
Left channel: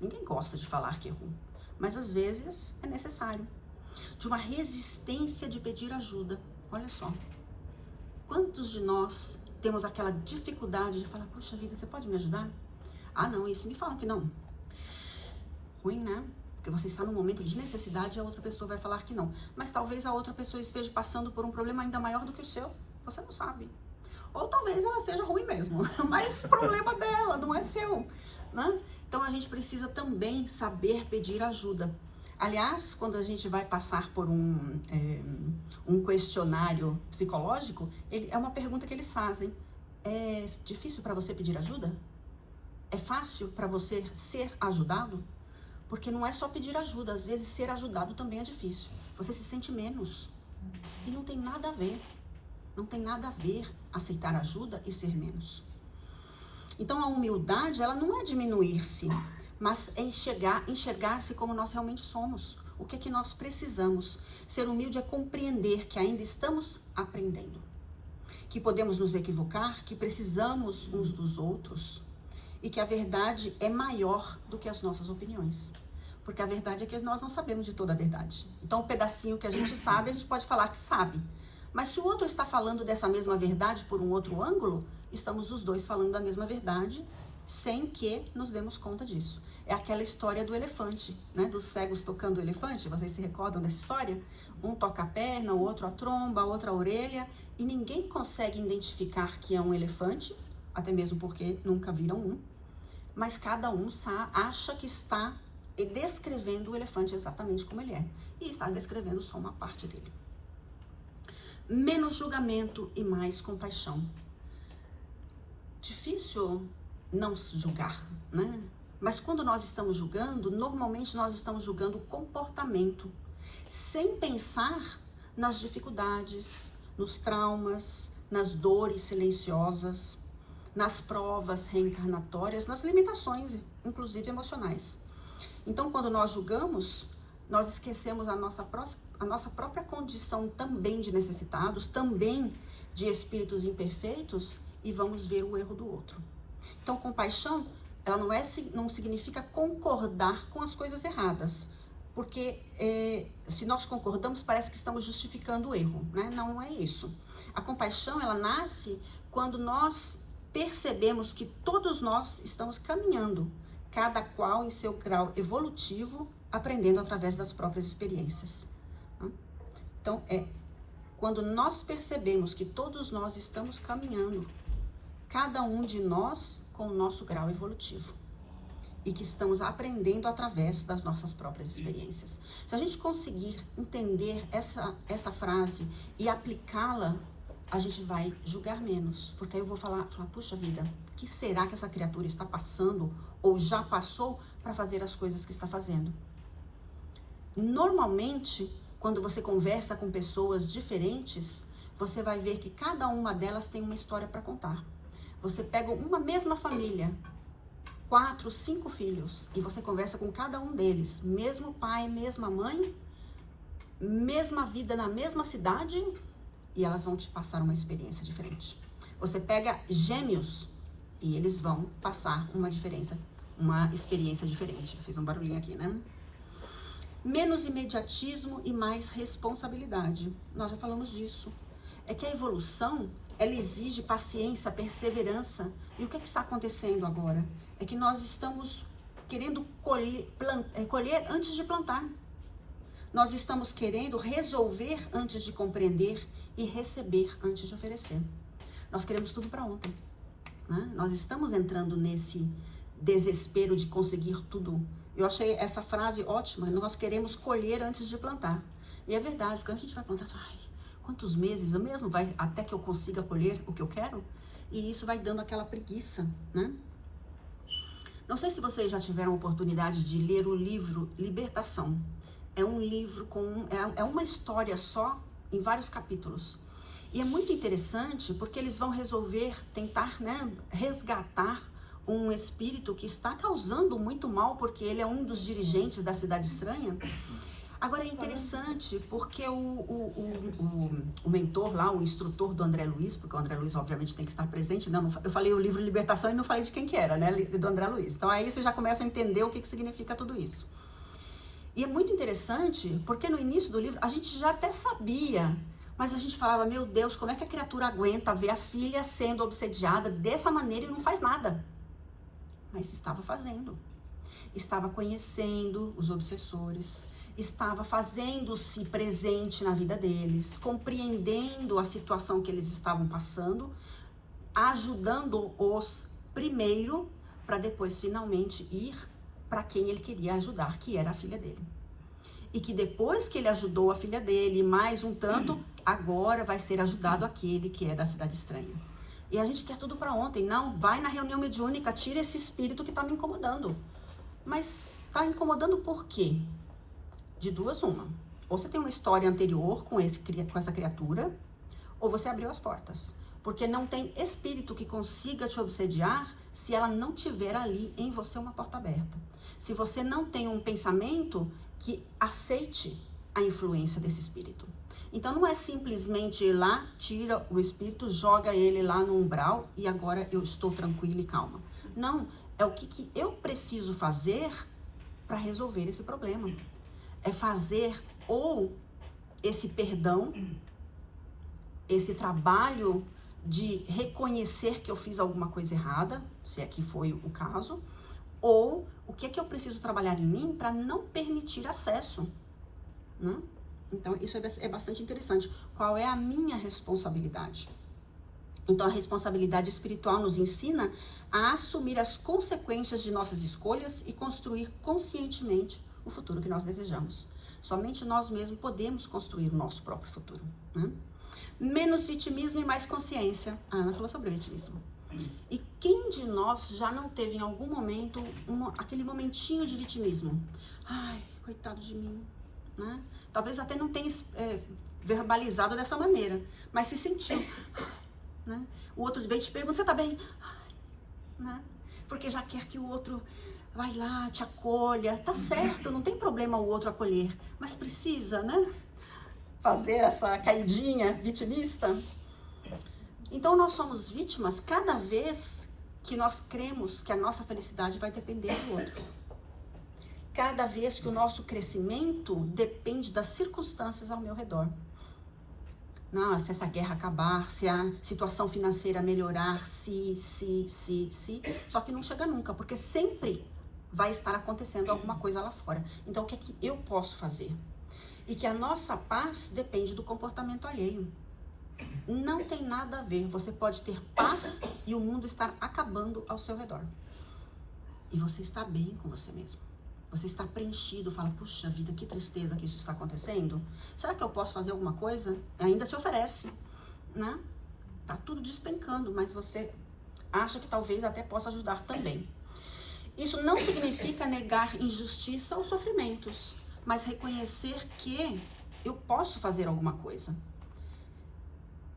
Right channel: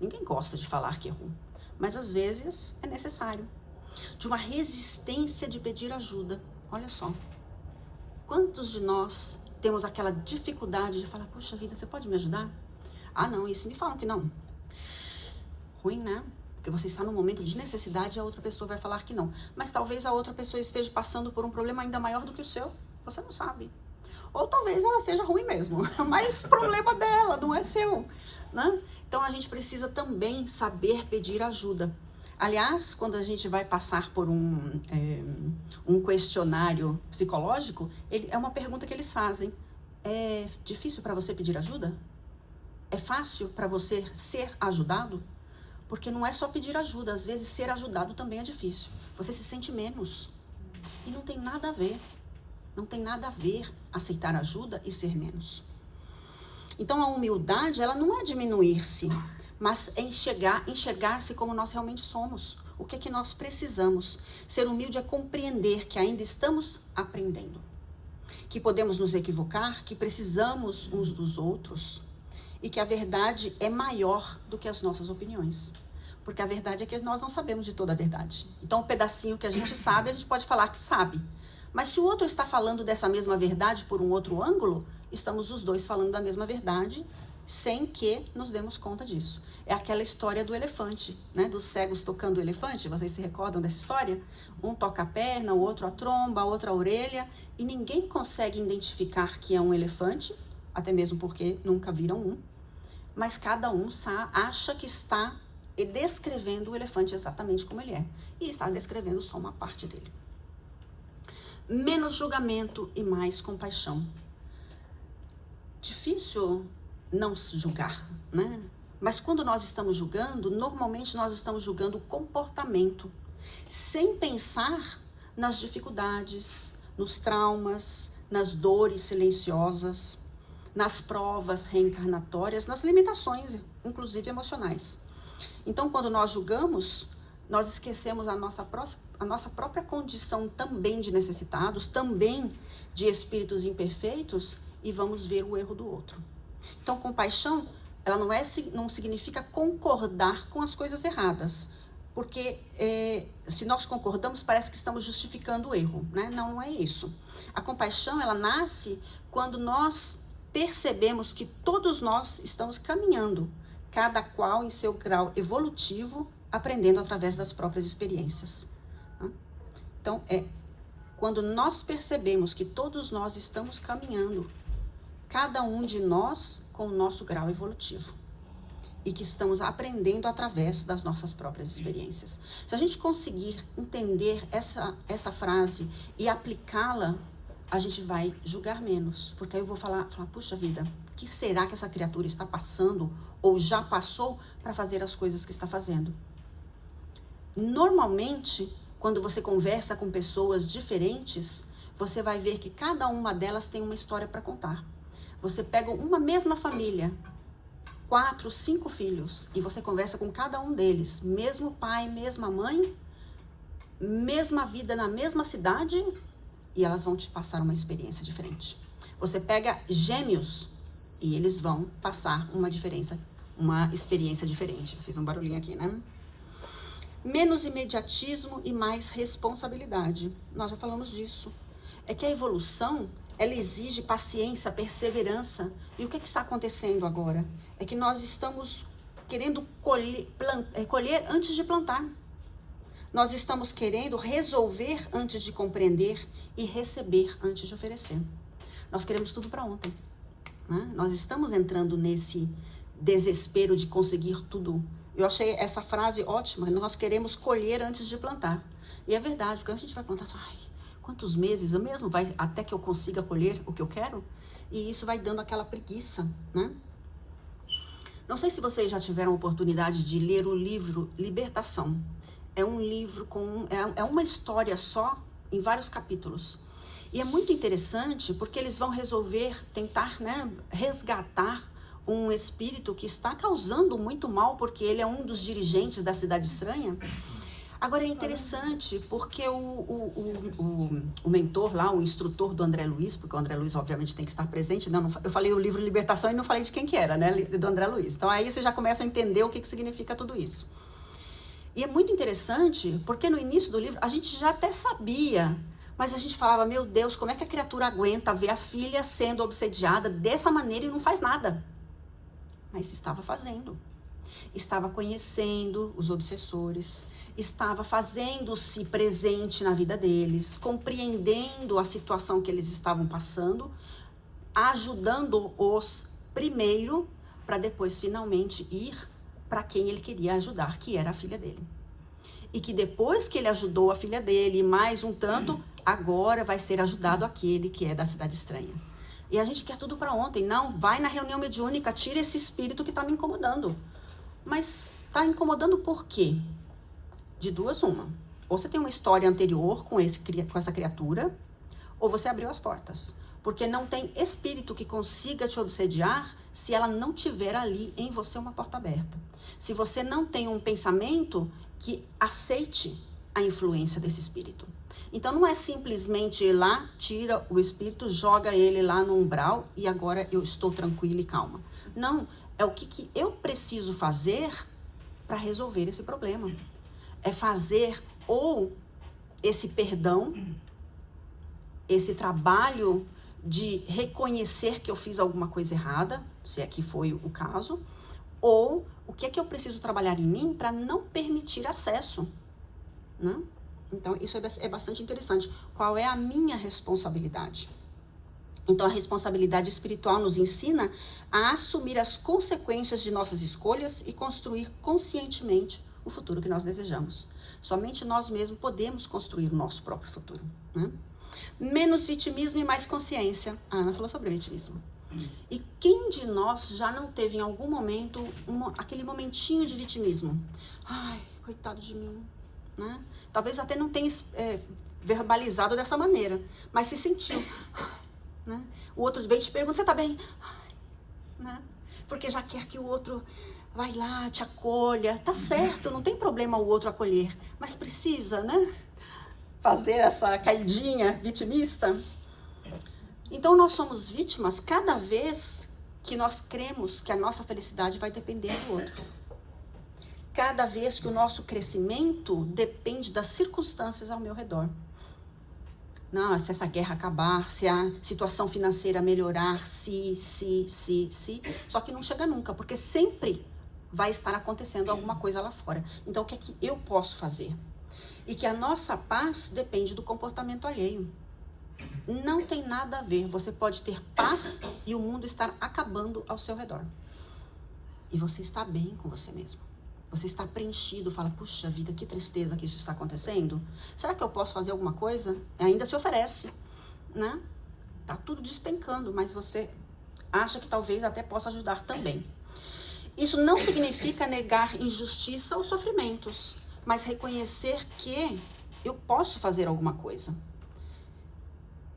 Ninguém gosta de falar que errou, mas às vezes é necessário. De uma resistência de pedir ajuda. Olha só, quantos de nós temos aquela dificuldade de falar, puxa vida, você pode me ajudar? Ah não, isso me falam que não. Ruim, né? Porque você está num momento de necessidade e a outra pessoa vai falar que não. Mas talvez a outra pessoa esteja passando por um problema ainda maior do que o seu. Você não sabe. Ou talvez ela seja ruim mesmo, mas problema dela, não é seu, né? Então a gente precisa também saber pedir ajuda. Aliás, quando a gente vai passar por um questionário psicológico, é uma pergunta que eles fazem. É difícil para você pedir ajuda? É fácil para você ser ajudado? Porque não é só pedir ajuda, às vezes ser ajudado também é difícil. Você se sente menos. E não tem nada a ver. Não tem nada a ver aceitar ajuda e ser menos. Então a humildade, ela não é diminuir-se, mas é enxergar-se como nós realmente somos. O que é que nós precisamos? Ser humilde é compreender que ainda estamos aprendendo. Que podemos nos equivocar, que precisamos uns dos outros. E que a verdade é maior do que as nossas opiniões. Porque a verdade é que nós não sabemos de toda a verdade. Então, um pedacinho que a gente sabe, a gente pode falar que sabe. Mas se o outro está falando dessa mesma verdade por um outro ângulo, estamos os dois falando da mesma verdade, sem que nos demos conta disso. É aquela história do elefante, né? Dos cegos tocando o elefante. Vocês se recordam dessa história? Um toca a perna, o outro a tromba, a outra a orelha, e ninguém consegue identificar que é um elefante, até mesmo porque nunca viram um, mas cada um acha que está descrevendo o elefante exatamente como ele é, e está descrevendo só uma parte dele. Menos julgamento e mais compaixão. Difícil não se julgar, né? Mas quando nós estamos julgando, normalmente nós estamos julgando o comportamento, sem pensar nas dificuldades, nos traumas, nas dores silenciosas, nas provas reencarnatórias, nas limitações, inclusive emocionais. Então, quando nós julgamos, nós esquecemos a nossa própria condição também de necessitados, também de espíritos imperfeitos, e vamos ver o erro do outro. Então, compaixão, ela não significa concordar com as coisas erradas, porque se nós concordamos, parece que estamos justificando o erro, né? Não é isso. A compaixão, ela nasce quando nós percebemos que todos nós estamos caminhando, cada qual em seu grau evolutivo, aprendendo através das próprias experiências. Então, quando nós percebemos que todos nós estamos caminhando, cada um de nós com o nosso grau evolutivo, e que estamos aprendendo através das nossas próprias experiências. Se a gente conseguir entender essa frase e aplicá-la, a gente vai julgar menos, porque aí eu vou falar, puxa vida, o que será que essa criatura está passando ou já passou para fazer as coisas que está fazendo? Normalmente, quando você conversa com pessoas diferentes, você vai ver que cada uma delas tem uma história para contar. Você pega uma mesma família, 4, 5 filhos, e você conversa com cada um deles, mesmo pai, mesma mãe, mesma vida na mesma cidade, e elas vão te passar uma experiência diferente. Você pega gêmeos e eles vão passar uma experiência diferente. Eu fiz um barulhinho aqui, né? Menos imediatismo e mais responsabilidade. Nós já falamos disso. É que a evolução, ela exige paciência, perseverança. E o que está acontecendo agora? É que nós estamos querendo colher antes de plantar. Nós estamos querendo resolver antes de compreender e receber antes de oferecer. Nós queremos tudo para ontem, né? Nós estamos entrando nesse desespero de conseguir tudo. Eu achei essa frase ótima, nós queremos colher antes de plantar. E é verdade, porque a gente vai plantar, quantos meses mesmo vai até que eu consiga colher o que eu quero? E isso vai dando aquela preguiça, né? Não sei se vocês já tiveram a oportunidade de ler o livro Libertação. É um livro é uma história só em vários capítulos. E é muito interessante porque eles vão tentar, né, resgatar um espírito que está causando muito mal, porque ele é um dos dirigentes da Cidade Estranha. Agora é interessante porque o mentor lá, o instrutor do André Luiz, porque o André Luiz obviamente tem que estar presente, né? Eu falei o livro Libertação e não falei de quem que era, né? Do André Luiz. Então aí você já começa a entender o que significa tudo isso. E é muito interessante porque no início do livro a gente já até sabia, mas a gente falava, meu Deus, como é que a criatura aguenta ver a filha sendo obsediada dessa maneira e não faz nada? Mas estava fazendo. Estava conhecendo os obsessores, estava fazendo-se presente na vida deles, compreendendo a situação que eles estavam passando, ajudando-os primeiro, para depois finalmente ir para quem ele queria ajudar, que era a filha dele. E que depois que ele ajudou a filha dele, mais um tanto, agora vai ser ajudado aquele que é da Cidade Estranha. E a gente quer tudo para ontem. Não, vai na reunião mediúnica, tira esse espírito que está me incomodando. Mas está incomodando por quê? De duas, uma. Ou você tem uma história anterior com essa criatura, ou você abriu as portas. Porque não tem espírito que consiga te obsediar se ela não tiver ali em você uma porta aberta. Se você não tem um pensamento que aceite a influência desse espírito. Então não é simplesmente ir lá, tira o espírito, joga ele lá no umbral e agora eu estou tranquila e calma. Não, é o que eu preciso fazer para resolver esse problema. É fazer ou esse perdão, esse trabalho de reconhecer que eu fiz alguma coisa errada, se é que foi o caso, ou o que é que eu preciso trabalhar em mim para não permitir acesso, né? Então, isso é bastante interessante. Qual é a minha responsabilidade? Então, a responsabilidade espiritual nos ensina a assumir as consequências de nossas escolhas e construir conscientemente o futuro que nós desejamos. Somente nós mesmos podemos construir o nosso próprio futuro, né? Menos vitimismo e mais consciência. A Ana falou sobre vitimismo. E quem de nós já não teve em algum momento aquele momentinho de vitimismo? Ai, coitado de mim, né? Talvez até não tenha verbalizado dessa maneira, mas se sentiu, né? O outro vem e te pergunta, você tá bem? Ai, né? Porque já quer que o outro vai lá, te acolha. Tá certo, não tem problema o outro acolher, mas precisa, né, fazer essa caidinha vitimista. Então nós somos vítimas cada vez que nós cremos que a nossa felicidade vai depender do outro. Cada vez que o nosso crescimento depende das circunstâncias ao meu redor. Não, se essa guerra acabar, se a situação financeira melhorar, se. Só que não chega nunca, porque sempre vai estar acontecendo alguma coisa lá fora. Então o que é que eu posso fazer? E que a nossa paz depende do comportamento alheio. Não tem nada a ver. Você pode ter paz e o mundo estar acabando ao seu redor. E você está bem com você mesmo. Você está preenchido, fala, puxa vida, que tristeza que isso está acontecendo. Será que eu posso fazer alguma coisa? Ainda se oferece, né? Tá tudo despencando, mas você acha que talvez até possa ajudar também. Isso não significa negar injustiça ou sofrimentos, mas reconhecer que eu posso fazer alguma coisa.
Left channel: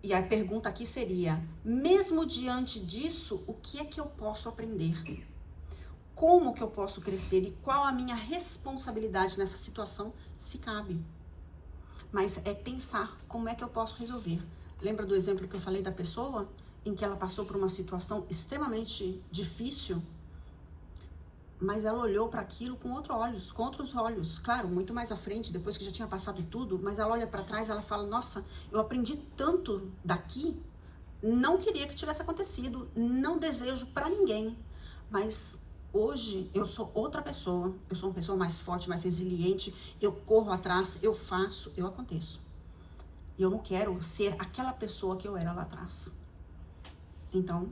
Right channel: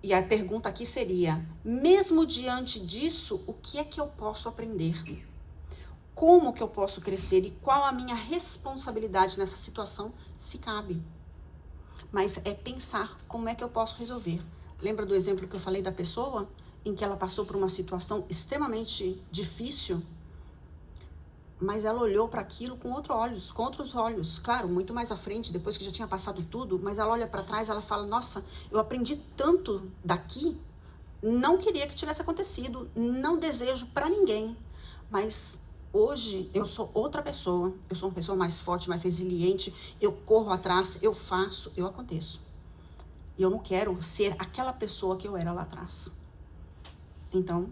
E a pergunta aqui seria, mesmo diante disso, o que é que eu posso aprender? Como que eu posso crescer e qual a minha responsabilidade nessa situação, se cabe? Mas é pensar como é que eu posso resolver. Lembra do exemplo que eu falei da pessoa em que ela passou por uma situação extremamente difícil, mas ela olhou para aquilo com outros olhos, claro, muito mais à frente, depois que já tinha passado tudo, mas ela olha para trás, ela fala, nossa, eu aprendi tanto daqui, não queria que tivesse acontecido, não desejo para ninguém, mas hoje eu sou outra pessoa, eu sou uma pessoa mais forte, mais resiliente, eu corro atrás, eu faço, eu aconteço. E eu não quero ser aquela pessoa que eu era lá atrás. Então,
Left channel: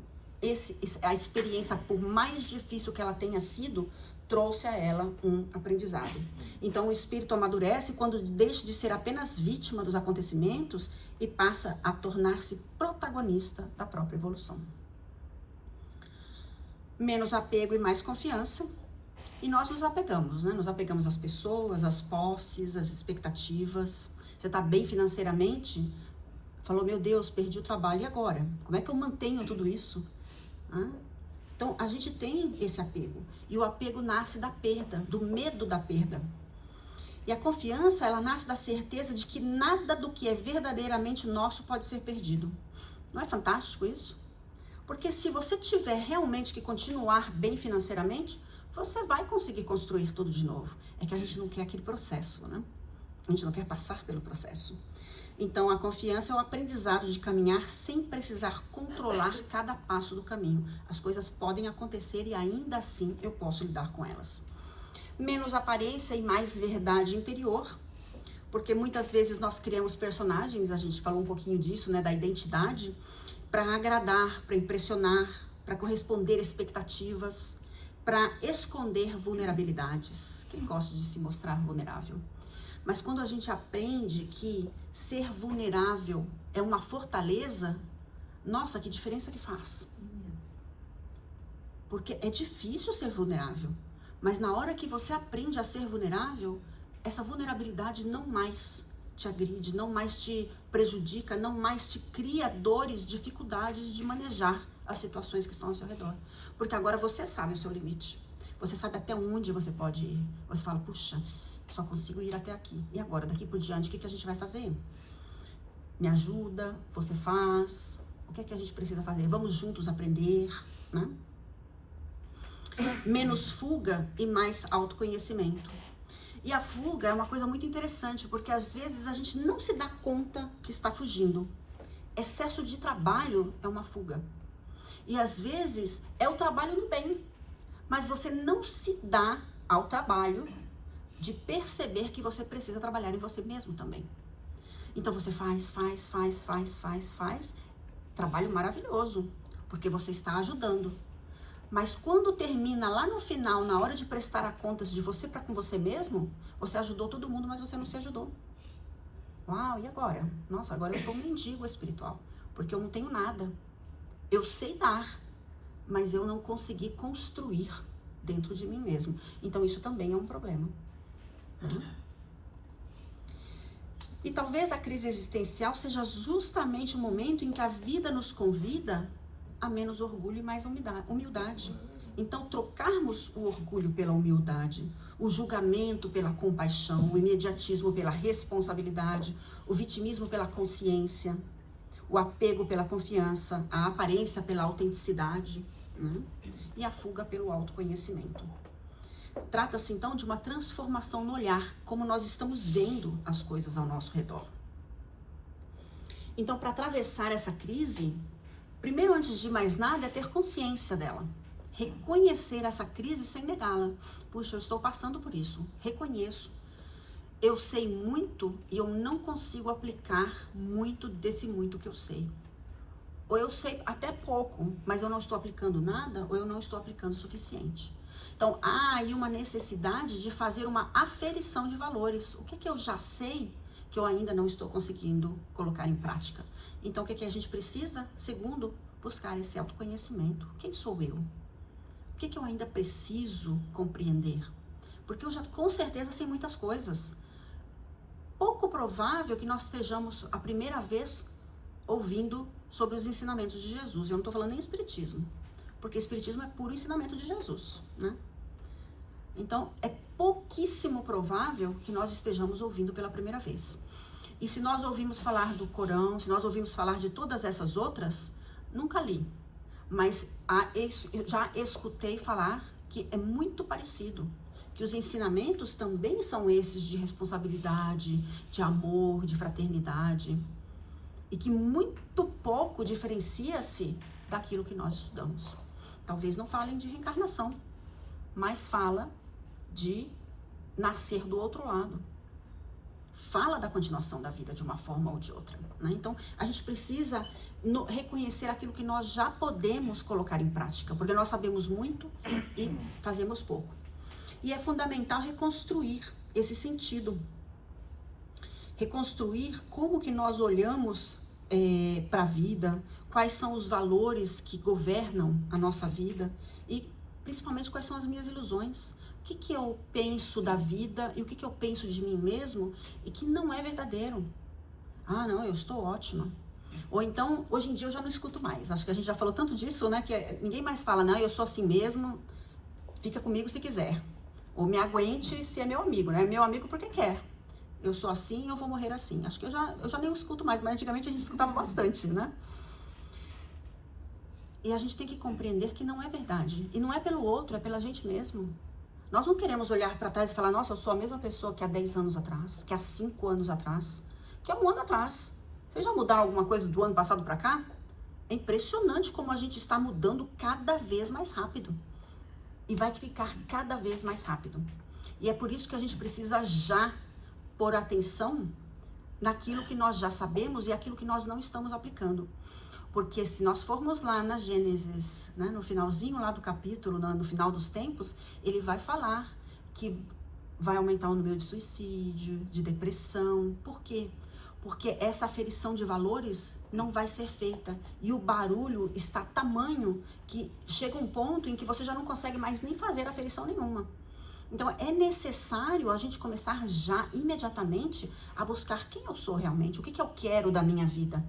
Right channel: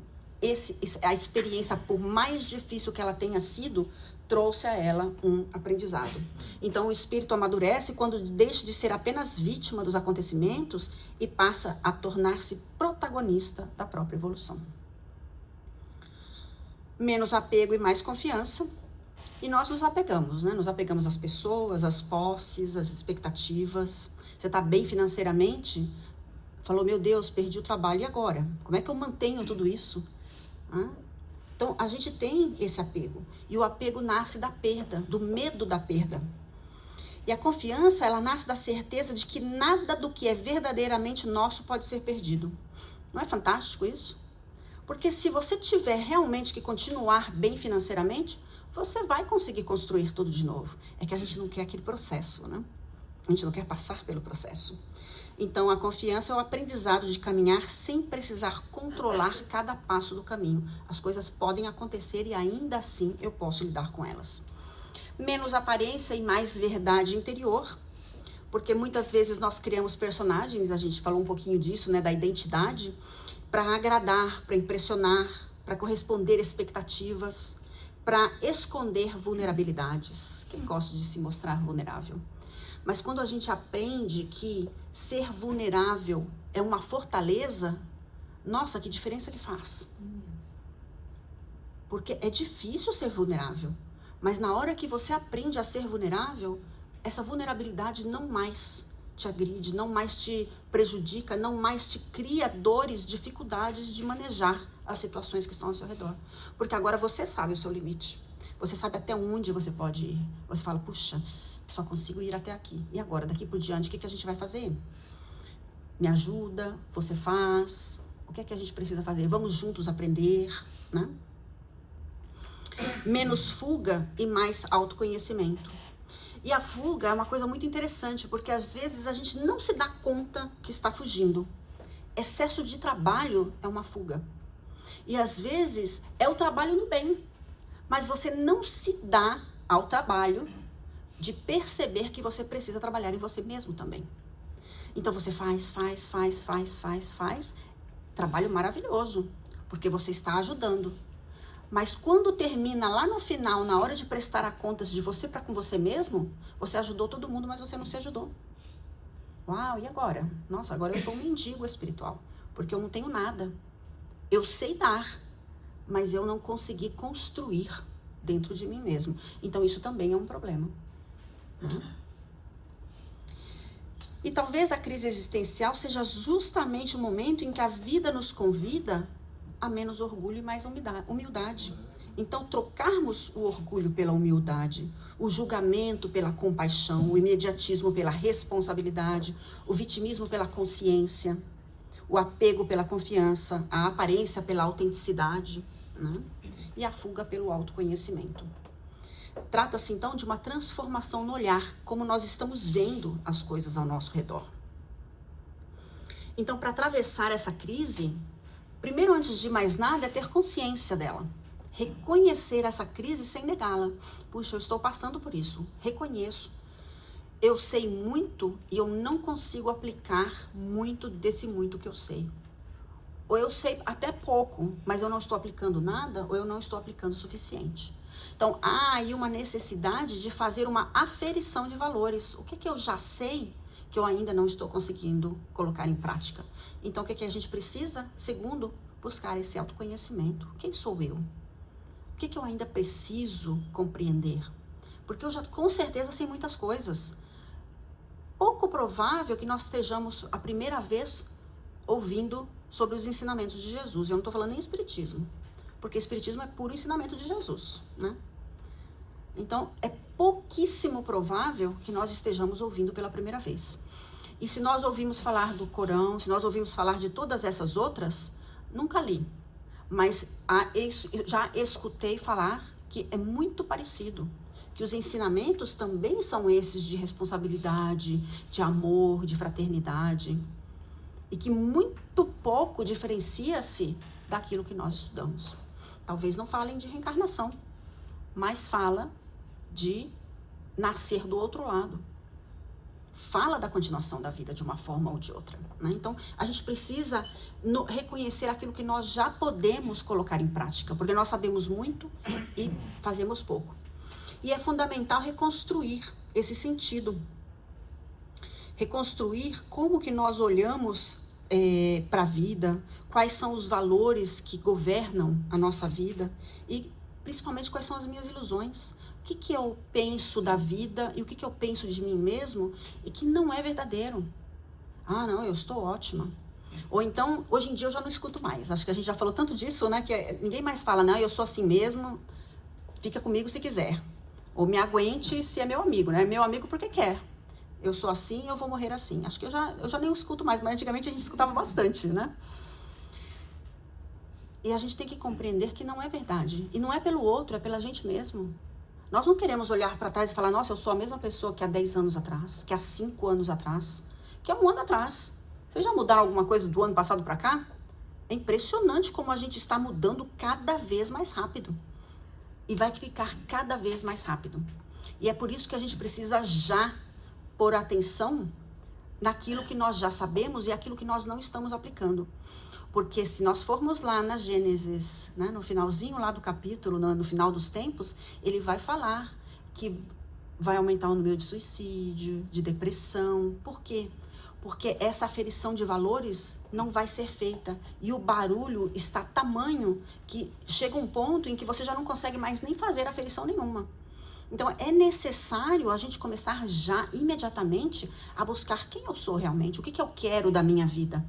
a experiência, por mais difícil que ela tenha sido, trouxe a ela um aprendizado. Então, o espírito amadurece quando deixa de ser apenas vítima dos acontecimentos e passa a tornar-se protagonista da própria evolução. Menos apego e mais confiança. E nós nos apegamos, né? Nos apegamos às pessoas, às posses, às expectativas. Você está bem financeiramente? Falou, meu Deus, perdi o trabalho, e agora? Como é que eu mantenho tudo isso? Então, a gente tem esse apego. E o apego nasce da perda, do medo da perda. E a confiança, ela nasce da certeza de que nada do que é verdadeiramente nosso pode ser perdido. Não é fantástico isso? Porque se você tiver realmente que continuar bem financeiramente, você vai conseguir construir tudo de novo. É que a gente não quer aquele processo, né? A gente não quer passar pelo processo. Então, a confiança é o aprendizado de caminhar sem precisar controlar cada passo do caminho. As coisas podem acontecer e ainda assim eu posso lidar com elas. Menos aparência e mais verdade interior, porque muitas vezes nós criamos personagens, a gente falou um pouquinho disso, né, da identidade, para agradar, para impressionar, para corresponder expectativas, para esconder vulnerabilidades. Quem gosta de se mostrar vulnerável? Mas quando a gente aprende que ser vulnerável é uma fortaleza, nossa, que diferença que faz. Porque é difícil ser vulnerável, mas na hora que você aprende a ser vulnerável, essa vulnerabilidade não mais te agride, não mais te prejudica, não mais te cria dores, dificuldades de manejar as situações que estão ao seu redor. Porque agora você sabe o seu limite. Você sabe até onde você pode ir. Você fala, puxa, só consigo ir até aqui. E agora, daqui por diante, o que a gente vai fazer? Me ajuda, você faz. O que é que a gente precisa fazer? Vamos juntos aprender, né? Menos fuga e mais autoconhecimento. E a fuga é uma coisa muito interessante, porque às vezes a gente não se dá conta que está fugindo. Excesso de trabalho é uma fuga. E às vezes é o trabalho no bem. Mas você não se dá ao trabalho de perceber que você precisa trabalhar em você mesmo também. Então você faz. Trabalho maravilhoso, porque você está ajudando. Mas quando termina lá no final, na hora de prestar a contas de você para com você mesmo, você ajudou todo mundo, mas você não se ajudou. Uau, e agora? Nossa, agora eu sou um mendigo espiritual, porque eu não tenho nada. Eu sei dar, mas eu não consegui construir dentro de mim mesmo. Então isso também é um problema. E talvez a crise existencial seja justamente o momento em que a vida nos convida a menos orgulho e mais humildade. Então, trocarmos o orgulho pela humildade, o julgamento pela compaixão, o imediatismo pela responsabilidade, o vitimismo pela consciência, o apego pela confiança, a aparência pela autenticidade, né? E a fuga pelo autoconhecimento. Trata-se, então, de uma transformação no olhar, como nós estamos vendo as coisas ao nosso redor. Então, para atravessar essa crise, primeiro, antes de mais nada, é ter consciência dela. Reconhecer essa crise sem negá-la. Puxa, eu estou passando por isso. Reconheço. Eu sei muito e eu não consigo aplicar muito desse muito que eu sei. Ou eu sei até pouco, mas eu não estou aplicando nada, ou eu não estou aplicando o suficiente. Então, há aí uma necessidade de fazer uma aferição de valores. O que eu já sei que eu ainda não estou conseguindo colocar em prática? Então, o que a gente precisa? Segundo, buscar esse autoconhecimento. Quem sou eu? O que eu ainda preciso compreender? Porque eu já, com certeza, sei muitas coisas. Pouco provável que nós estejamos a primeira vez ouvindo sobre os ensinamentos de Jesus. Eu não estou falando em espiritismo, porque espiritismo é puro ensinamento de Jesus, né? Então, é pouquíssimo provável que nós estejamos ouvindo pela primeira vez. E se nós ouvimos falar do Corão, se nós ouvimos falar de todas essas outras, nunca li. Mas já escutei falar que é muito parecido. Que os ensinamentos também são esses de responsabilidade, de amor, de fraternidade. E que muito pouco diferencia-se daquilo que nós estudamos. Talvez não falem de reencarnação, mas fala de nascer do outro lado. Fala da continuação da vida de uma forma ou de outra, né? Então, a gente precisa reconhecer aquilo que nós já podemos colocar em prática, porque nós sabemos muito e fazemos pouco. E é fundamental reconstruir esse sentido. Reconstruir como que nós olhamos para a vida, quais são os valores que governam a nossa vida e principalmente quais são as minhas ilusões. O que eu penso da vida e o que eu penso de mim mesmo e que não é verdadeiro. Ah, não, eu estou ótima. Ou então, hoje em dia eu já não escuto mais. Acho que a gente já falou tanto disso, né? Que ninguém mais fala, não, eu sou assim mesmo, fica comigo se quiser. Ou me aguente se é meu amigo, né? Meu amigo porque quer. Eu sou assim, eu vou morrer assim. Acho que eu já nem escuto mais, mas antigamente a gente escutava bastante, né? E a gente tem que compreender que não é verdade. E não é pelo outro, é pela gente mesmo. Nós não queremos olhar para trás e falar, nossa, eu sou a mesma pessoa que há 10 anos atrás, que há 5 anos atrás, que há 1 ano atrás. Você já mudar alguma coisa do ano passado para cá? É impressionante como a gente está mudando cada vez mais rápido. E vai ficar cada vez mais rápido. E é por isso que a gente precisa já pôr atenção naquilo que nós já sabemos e aquilo que nós não estamos aplicando. Porque se nós formos lá na Gênesis, né, no finalzinho lá do capítulo, no final dos tempos, ele vai falar que vai aumentar o número de suicídio, de depressão. Por quê? Porque essa aferição de valores não vai ser feita. E o barulho está tamanho que chega um ponto em que você já não consegue mais nem fazer aferição nenhuma. Então, é necessário a gente começar já, imediatamente, a buscar quem eu sou realmente, o que eu quero da minha vida,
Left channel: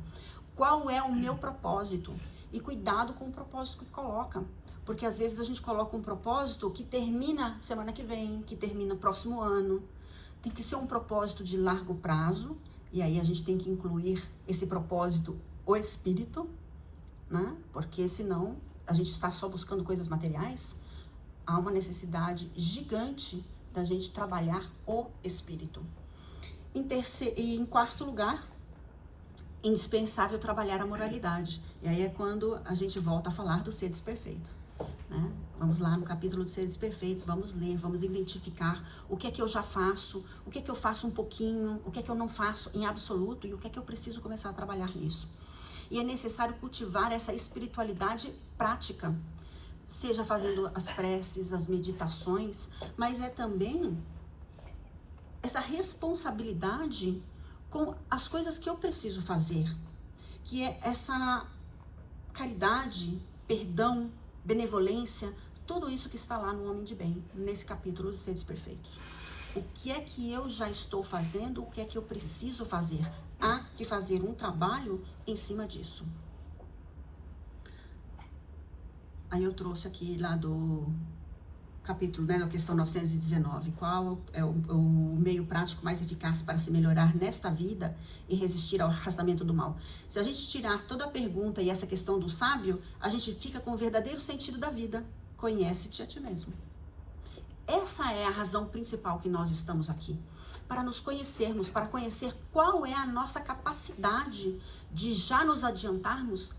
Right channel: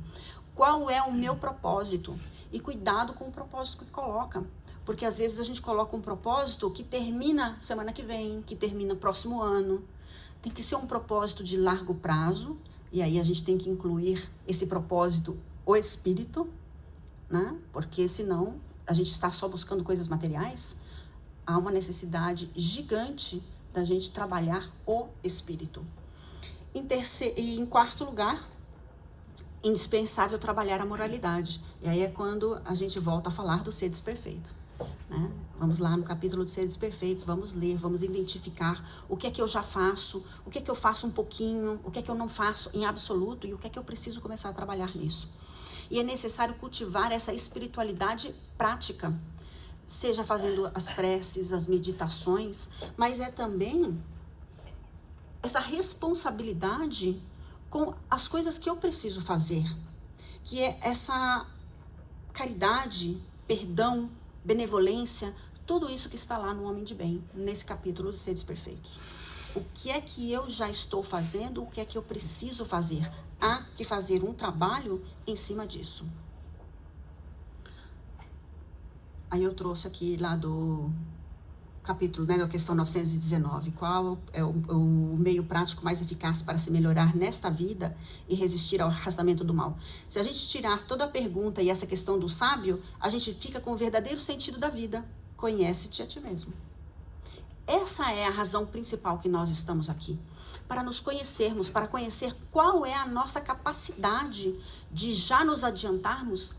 qual é o meu propósito. E cuidado com o propósito que coloca, porque às vezes a gente coloca um propósito que termina semana que vem, que termina próximo ano. Tem que ser um propósito de largo prazo, e aí a gente tem que incluir esse propósito, o espírito, né? Porque senão a gente está só buscando coisas materiais. Há uma necessidade gigante da gente trabalhar o espírito. Em quarto lugar, indispensável trabalhar a moralidade. E aí é quando a gente volta a falar dos seres perfeitos, né? Vamos lá no capítulo dos seres perfeitos, vamos ler, vamos identificar o que é que eu já faço, o que é que eu faço um pouquinho, o que é que eu não faço em absoluto e o que é que eu preciso começar a trabalhar nisso. E é necessário cultivar essa espiritualidade prática, seja fazendo as preces, as meditações, mas é também essa responsabilidade com as coisas que eu preciso fazer, que é essa caridade, perdão, benevolência, tudo isso que está lá no Homem de Bem, nesse capítulo dos Seres Perfeitos. O que é que eu já estou fazendo, o que é que eu preciso fazer? Há que fazer um trabalho em cima disso. Aí eu trouxe aqui lá do capítulo, né, da questão 919, qual é o meio prático mais eficaz para se melhorar nesta vida e resistir ao arrastamento do mal. Se a gente tirar toda a pergunta e essa questão do sábio, a gente fica com o verdadeiro sentido da vida. Conhece-te a ti mesmo. Essa é a razão principal que nós estamos aqui. Para nos conhecermos, para conhecer qual é a nossa capacidade de já nos adiantarmos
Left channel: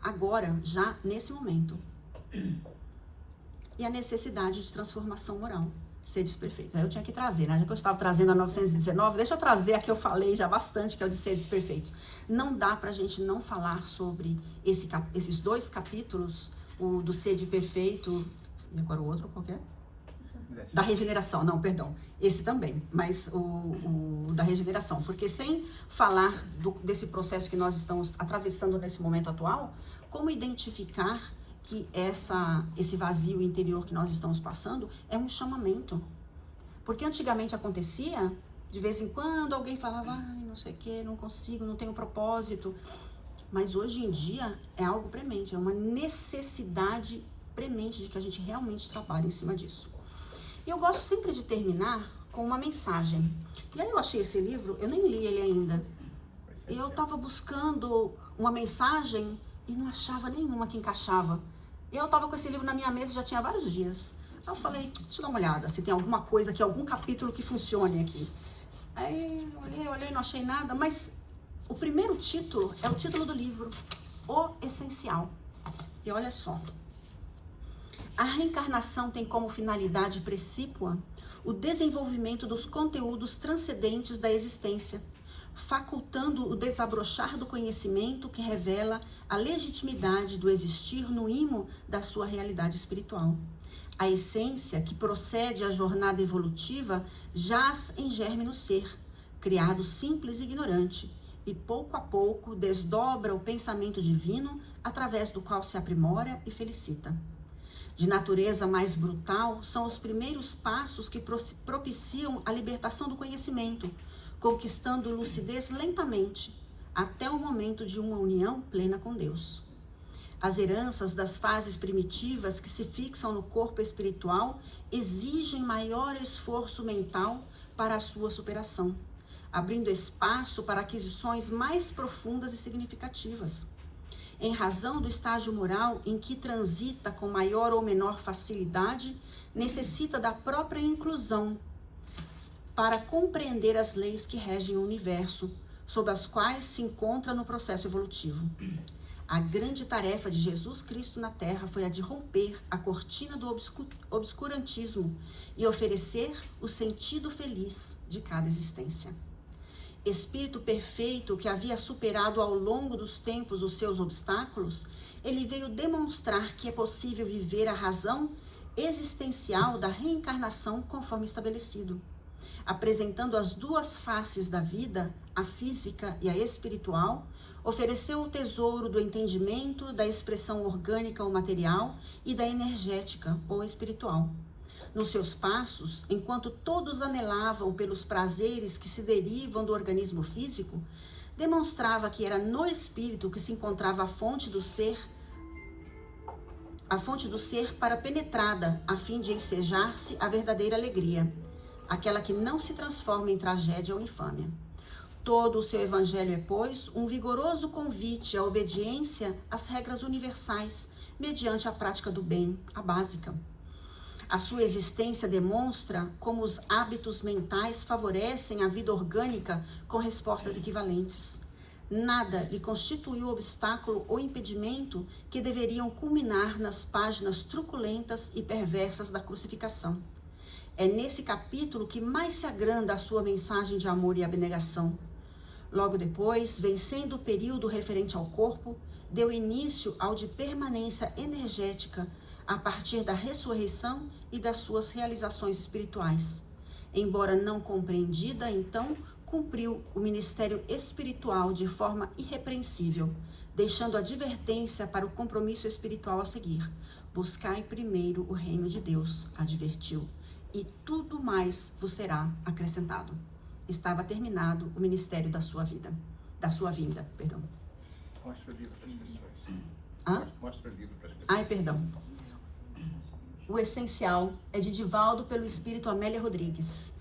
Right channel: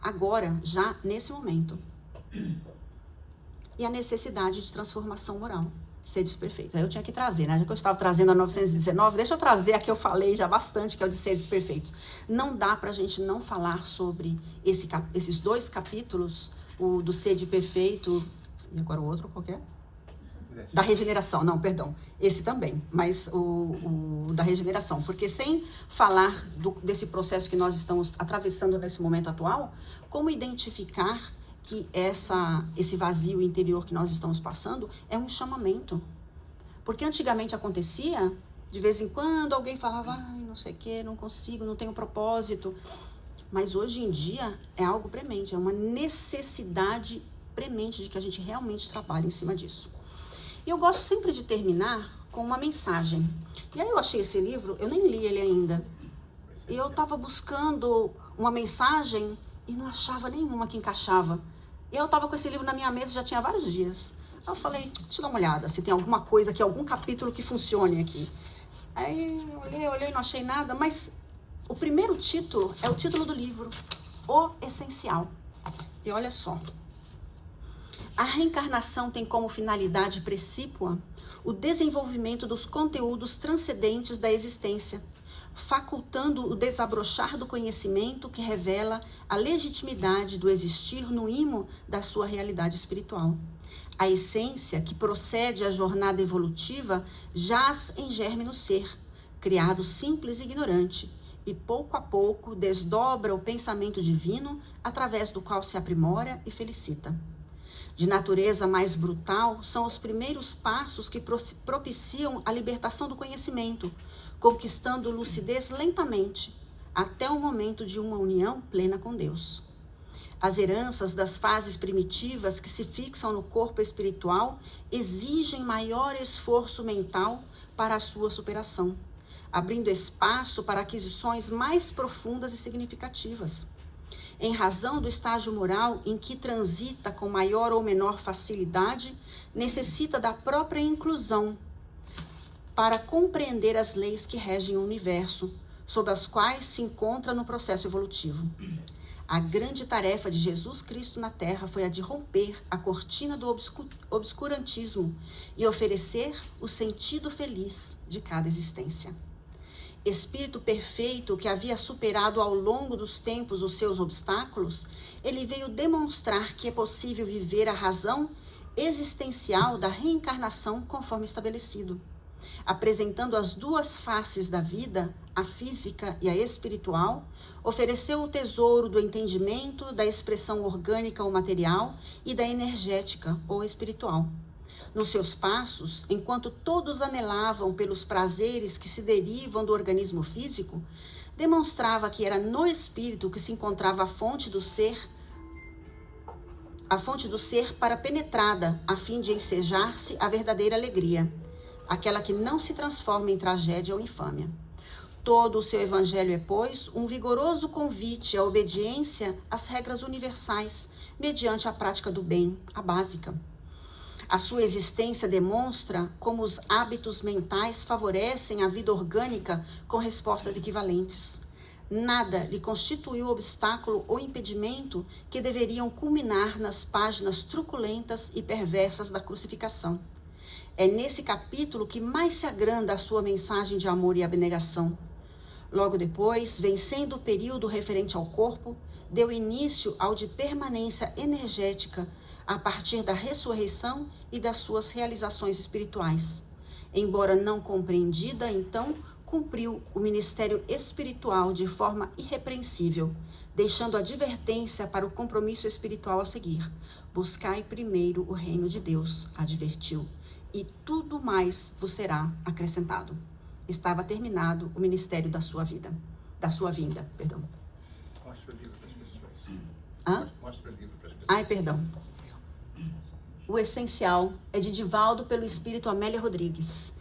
agora, já nesse momento. E a necessidade de transformação moral, seres perfeitos. Aí eu tinha que trazer, né? Já que eu estava trazendo a 919, deixa eu trazer a que eu falei já bastante, que é o de seres perfeitos. Não dá pra gente não falar sobre esses 2 capítulos, o do ser de perfeito, e agora o outro, qual que é? Da regeneração, não, perdão. Esse também, mas o da regeneração. Porque sem falar desse processo que nós estamos atravessando nesse momento atual, como identificar que esse vazio interior que nós estamos passando é um chamamento. Porque antigamente acontecia, de vez em quando alguém falava, não sei o que, não consigo, não tenho propósito. Mas hoje em dia é algo premente, é uma necessidade premente de que a gente realmente trabalhe em cima disso. E eu gosto sempre de terminar com uma mensagem. E aí eu achei esse livro, eu nem li ele ainda. E eu estava buscando uma mensagem e não achava nenhuma que encaixava. E eu estava com esse livro na minha mesa já tinha vários dias. Aí eu falei, deixa eu dar uma olhada, se tem alguma coisa aqui, algum capítulo que funcione aqui. Aí eu olhei, não achei nada, mas o primeiro título é o título do livro, O Essencial. E olha só. A reencarnação tem como finalidade precípua o desenvolvimento dos conteúdos transcendentes da existência, facultando o desabrochar do conhecimento que revela a legitimidade do existir no imo da sua realidade espiritual. A essência que procede à jornada evolutiva jaz em germe no ser, criado simples e ignorante, e pouco a pouco desdobra o pensamento divino através do qual se aprimora e felicita. De natureza mais brutal, são os primeiros passos que propiciam a libertação do conhecimento, conquistando lucidez lentamente, até o momento de uma união plena com Deus. As heranças das fases primitivas que se fixam no corpo espiritual exigem maior esforço mental para a sua superação, abrindo espaço para aquisições mais profundas e significativas. Em razão do estágio moral em que transita com maior ou menor facilidade, necessita da própria inclusão para compreender as leis que regem o universo, sob as quais se encontra no processo evolutivo. A grande tarefa de Jesus Cristo na Terra foi a de romper a cortina do obscurantismo e oferecer o sentido feliz de cada existência. Espírito perfeito que havia superado ao longo dos tempos os seus obstáculos, ele veio demonstrar que é possível viver a razão existencial da reencarnação conforme estabelecido, apresentando as duas faces da vida, a física e a espiritual. Ofereceu o tesouro do entendimento, da expressão orgânica ou material e da energética ou espiritual. Nos seus passos, enquanto todos anelavam pelos prazeres que se derivam do organismo físico, demonstrava que era no espírito que se encontrava a fonte do ser para penetrada, a fim de ensejar-se a verdadeira alegria, aquela que não se transforma em tragédia ou infâmia. Todo o seu evangelho é, pois, um vigoroso convite à obediência às regras universais, mediante a prática do bem, a básica. A sua existência demonstra como os hábitos mentais favorecem a vida orgânica com respostas equivalentes. Nada lhe constituiu obstáculo ou impedimento que deveriam culminar nas páginas truculentas e perversas da crucificação. É nesse capítulo que mais se agranda a sua mensagem de amor e abnegação. Logo depois, vencendo o período referente ao corpo, deu início ao de permanência energética, a partir da ressurreição e das suas realizações espirituais. Embora não compreendida, então, cumpriu o ministério espiritual de forma irrepreensível, deixando advertência para o compromisso espiritual a seguir. Buscai primeiro o reino de Deus, advertiu, e tudo mais vos será acrescentado. Estava terminado o ministério da sua vinda. Mostra o livro para as pessoas. Mostra o livro para as pessoas. Ai, perdão. O Essencial é de Divaldo pelo Espírito Amélia Rodrigues.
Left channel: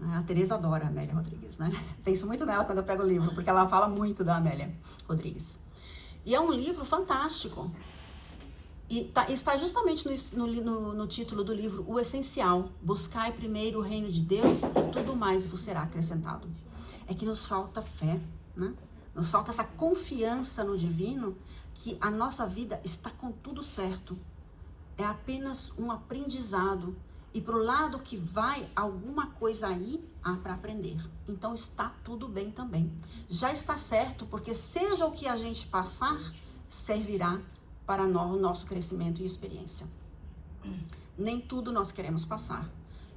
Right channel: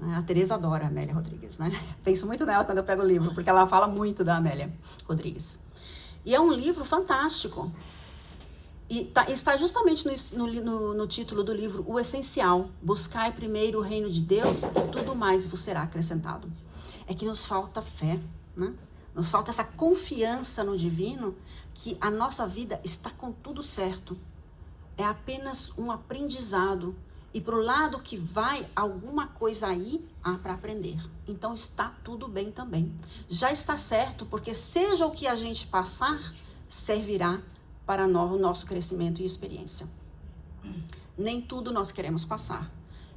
A Tereza adora a Amélia Rodrigues, né? Penso muito nela quando eu pego o livro, porque ela fala muito da Amélia Rodrigues. E é um livro fantástico. E está justamente no título do livro, O Essencial. Buscai primeiro o reino de Deus e tudo mais vos será acrescentado. É que nos falta fé, né? Nos falta essa confiança no divino, que a nossa vida está com tudo certo. É apenas um aprendizado. E para o lado que vai, alguma coisa aí há para aprender. Então está tudo bem também. Já está certo, porque seja o que a gente passar, servirá para o nosso crescimento e experiência. Nem tudo nós queremos passar.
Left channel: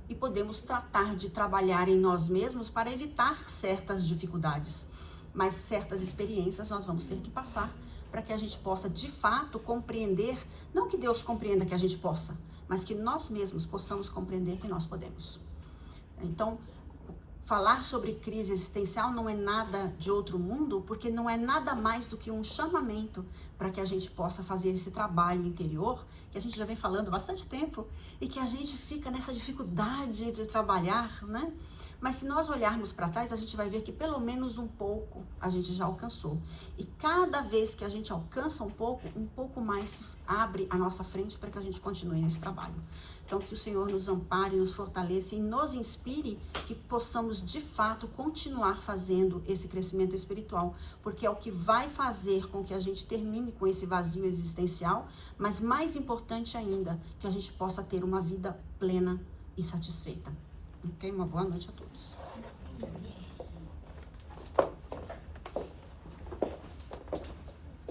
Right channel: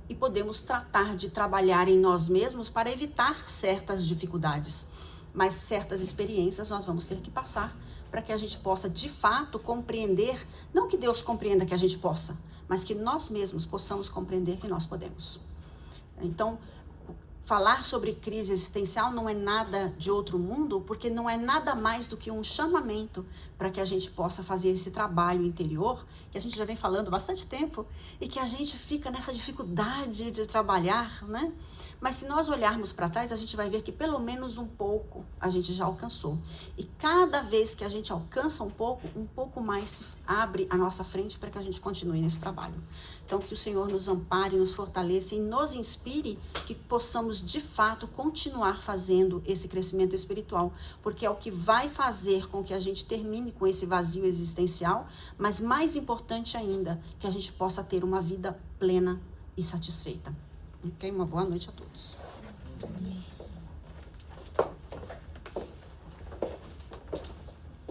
E podemos tratar de trabalhar em nós mesmos para evitar certas dificuldades. Mas certas experiências nós vamos ter que passar para que a gente possa, de fato, compreender, não que Deus compreenda que a gente possa, mas que nós mesmos possamos compreender que nós podemos. Então, falar sobre crise existencial não é nada de outro mundo, porque não é nada mais do que um chamamento para que a gente possa fazer esse trabalho interior, que a gente já vem falando há bastante tempo, e que a gente fica nessa dificuldade de trabalhar, né? Mas se nós olharmos para trás, a gente vai ver que pelo menos um pouco a gente já alcançou. E cada vez que a gente alcança um pouco mais se abre a nossa frente para que a gente continue nesse trabalho. Então, que o Senhor nos ampare, nos fortaleça e nos inspire, que possamos, de fato, continuar fazendo esse crescimento espiritual, porque é o que vai fazer com que a gente termine com esse vazio existencial, mas mais importante ainda, que a gente possa ter uma vida plena e satisfeita. Ok? Uma boa noite a todos.